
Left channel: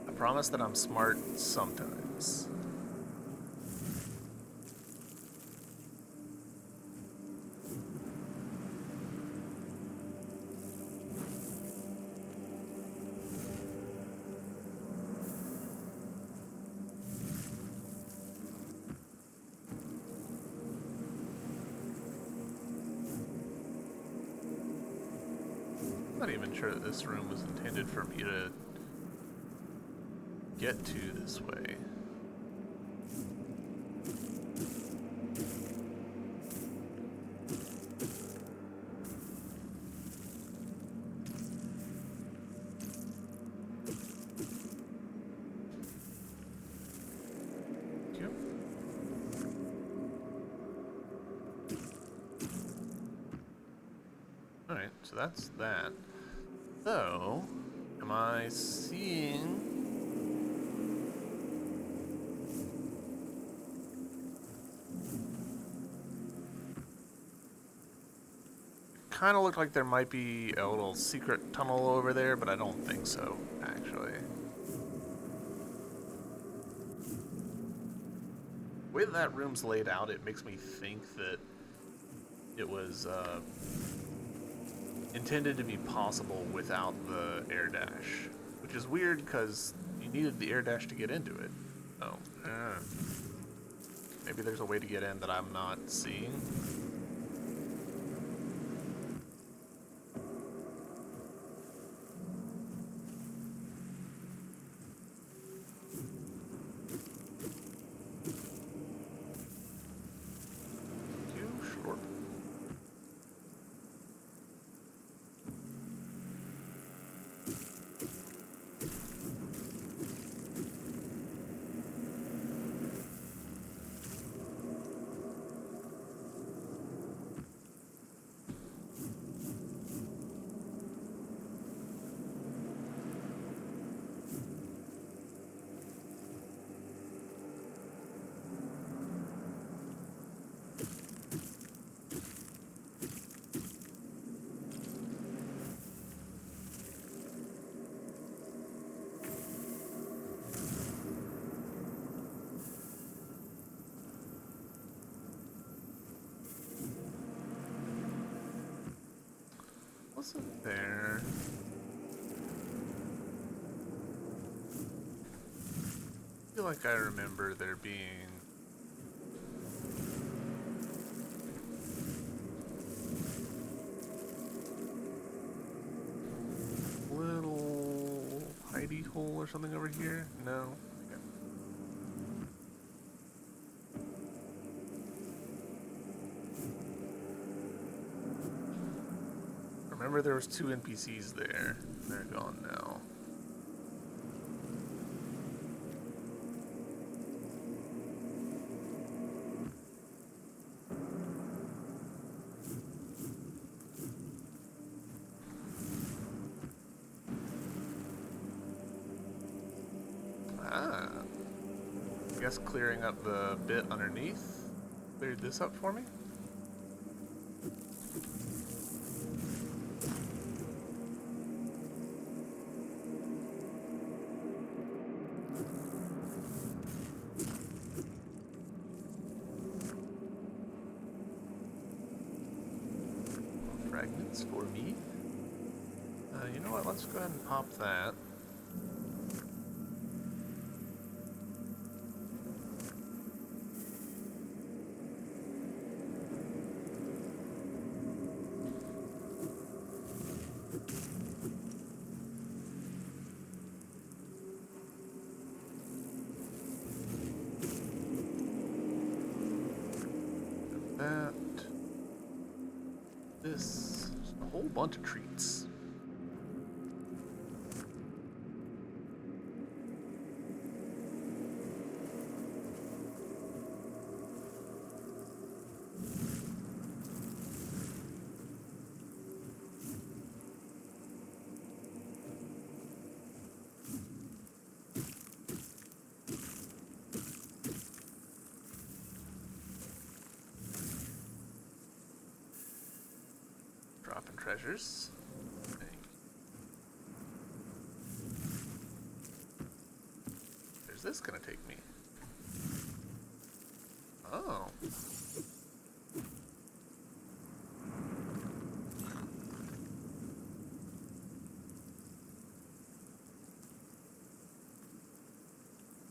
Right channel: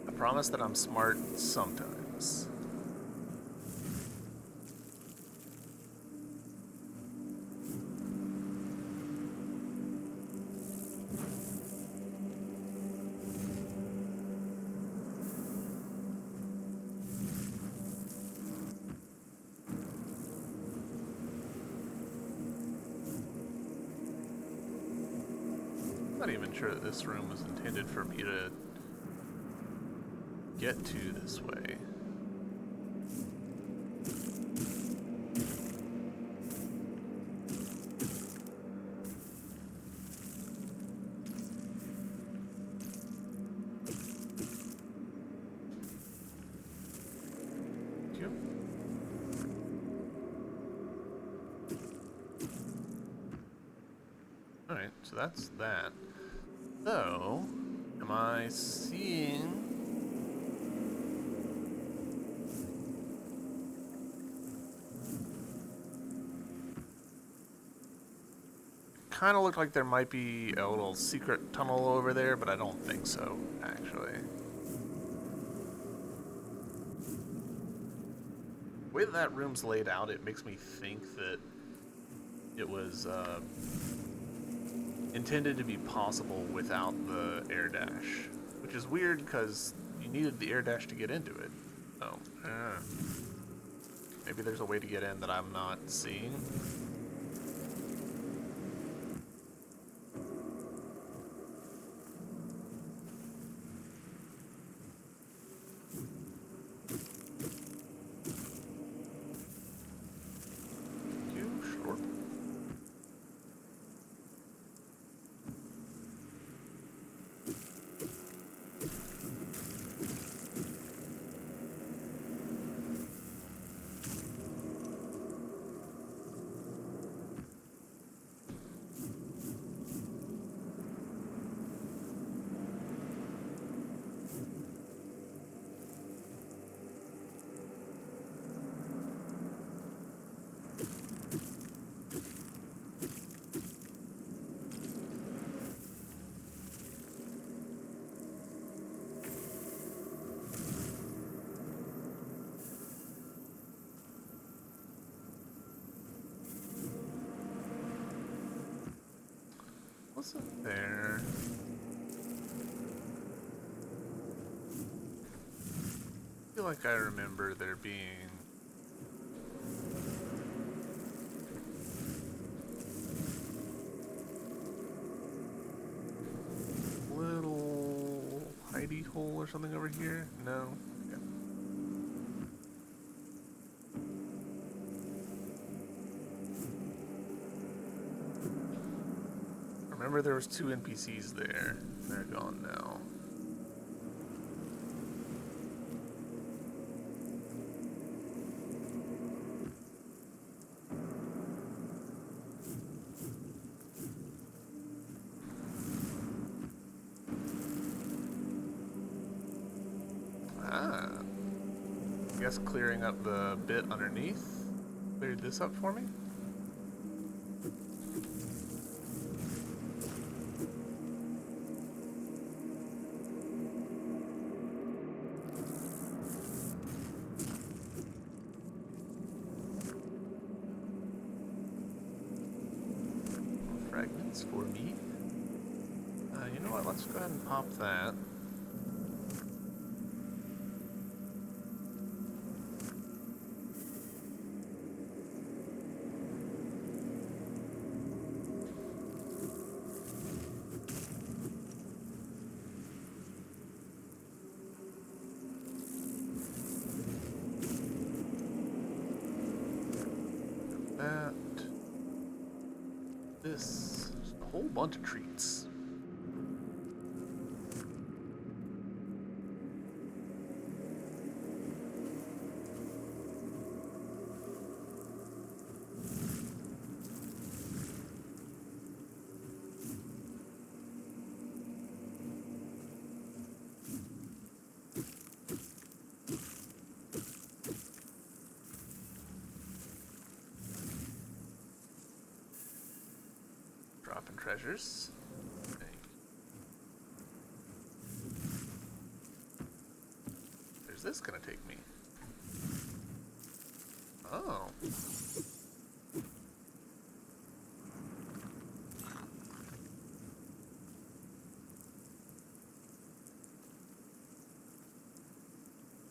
I promise that I'm smart sometimes. I'm not even sure that this room was intended for me to get to this way. Thank you. Alright, so that's that. So, am I seeing... kind of looked like there might be a little secret tunnel over there, but I don't think so, actually. The way that room's laid out, it makes me think that it was intended to be possible without the air dash, which is weird because you needed the air dash to get into it. So, maybe there's a way to get in that I'm not seeing. Too short. What's up there? I feel like I remember there being a little hidey hole or something over here. No. Okay. Remember there was 2 NPCs there. They're gone now. Ah. I guess clearing up the bit underneath cleared this up for me. Fragments for me. You know what? Let's go ahead and pop that. That. This. Just a whole bunch of treats. Dropping treasures. Where's this gonna take me? Oh.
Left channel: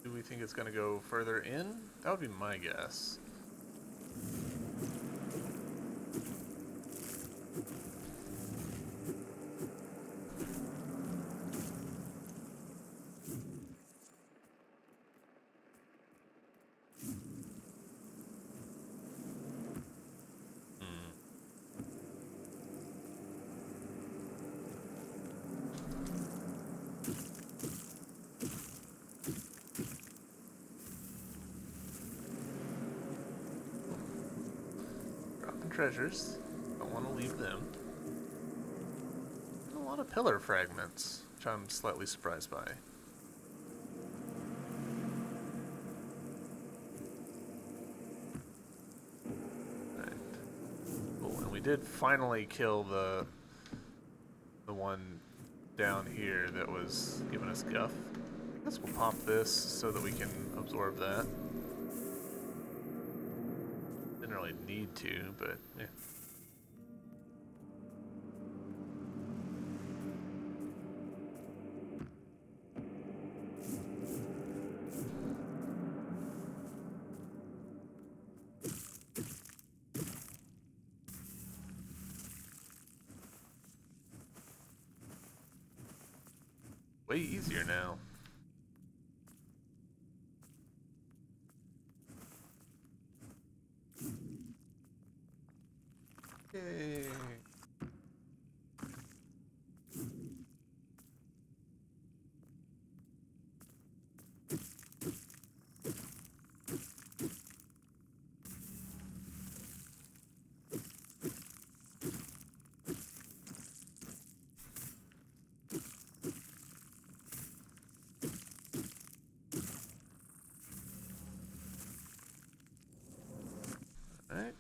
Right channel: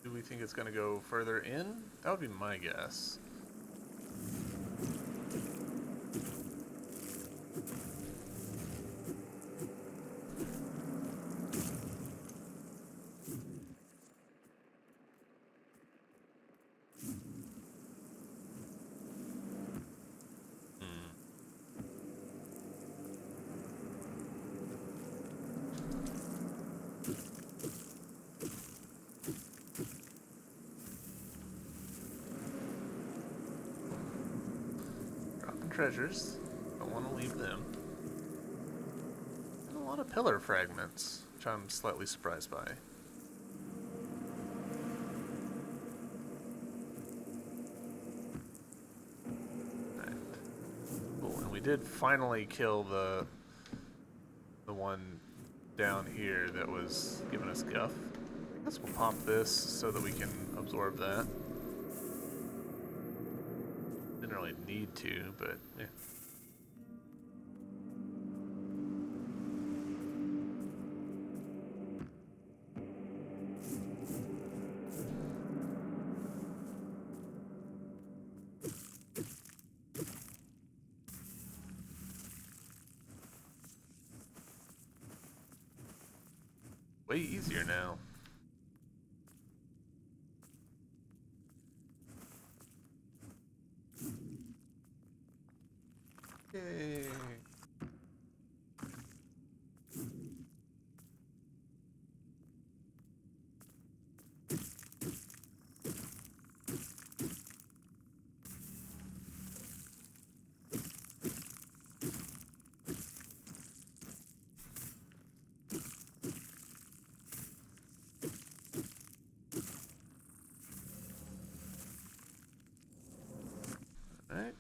Do we think it's gonna go further in? That would be my guess. Treasures. Don't want to leave them. And a lot of pillar fragments, which I'm slightly surprised by. Right. Cool, and we did finally kill the one down here that was giving us guff. I guess we'll pop this so that we can absorb that. Didn't really need to, but yeah. Way easier now. Yay. Alright.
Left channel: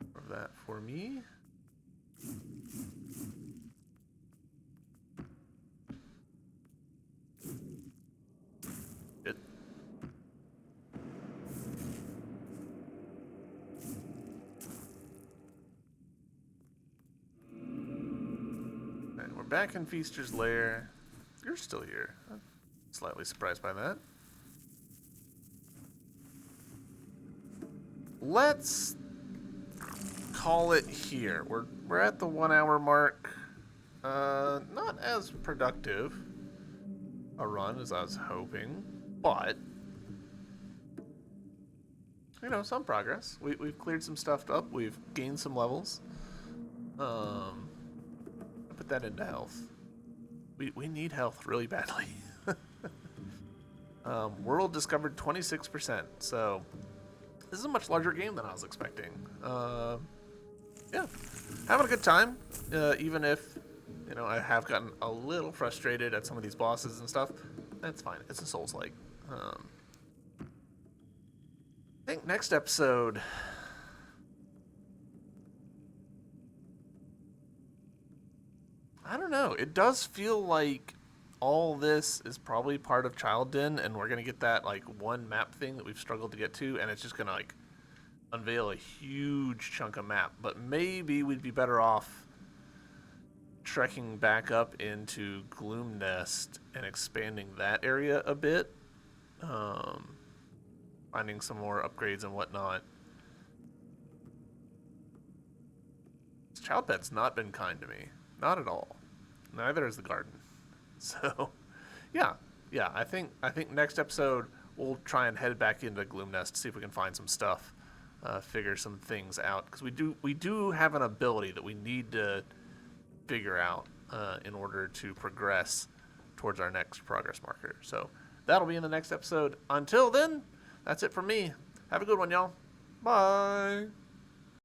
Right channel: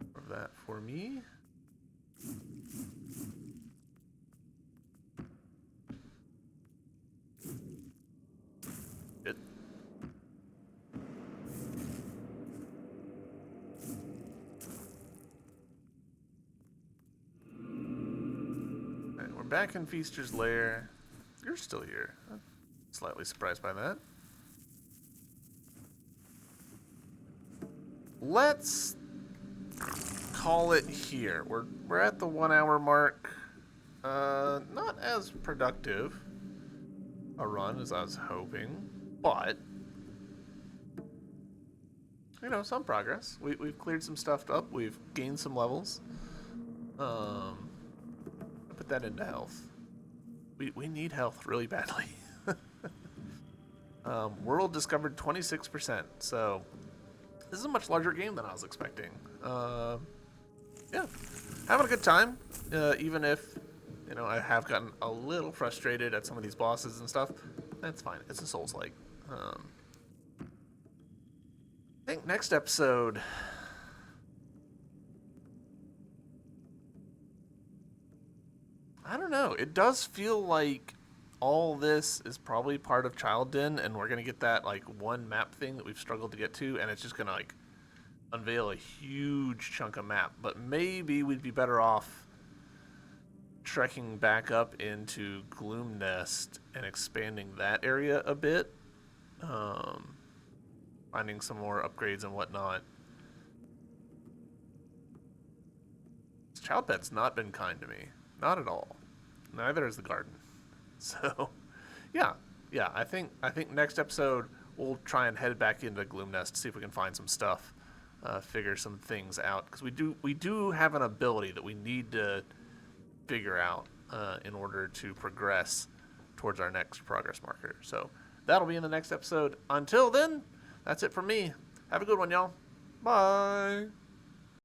More of that for me. Good. Alright, we're back in Feaster's lair. You're still here. I'm slightly surprised by that. Let's call it here. We're at the 1 hour mark. Not as productive a run as I was hoping, but you know, some progress. We've cleared some stuff up. We've gained some levels. Put that into health. We need health really badly. World discovered 26%. So this is a much larger game than I was expecting. Yeah, having a good time. Even if, you know, I have gotten a little frustrated at some of these bosses and stuff. That's fine. It's a Souls-like. I think next episode, I don't know. It does feel like all this is probably part of Child Den, and we're gonna get that like one map thing that we've struggled to get to, and it's just gonna like unveil a huge chunk of map. But maybe we'd be better off trekking back up into Gloom Nest and expanding that area a bit, finding some more upgrades and whatnot. This child pet's not been kind to me, not at all. Neither is the garden. So, yeah. I think next episode we'll try and head back into Gloom Nest to see if we can find some stuff, figure some things out, because we do have an ability that we need to figure out in order to progress towards our next progress marker. So that'll be in the next episode. Until then, that's it from me. Have a good one, y'all. Bye.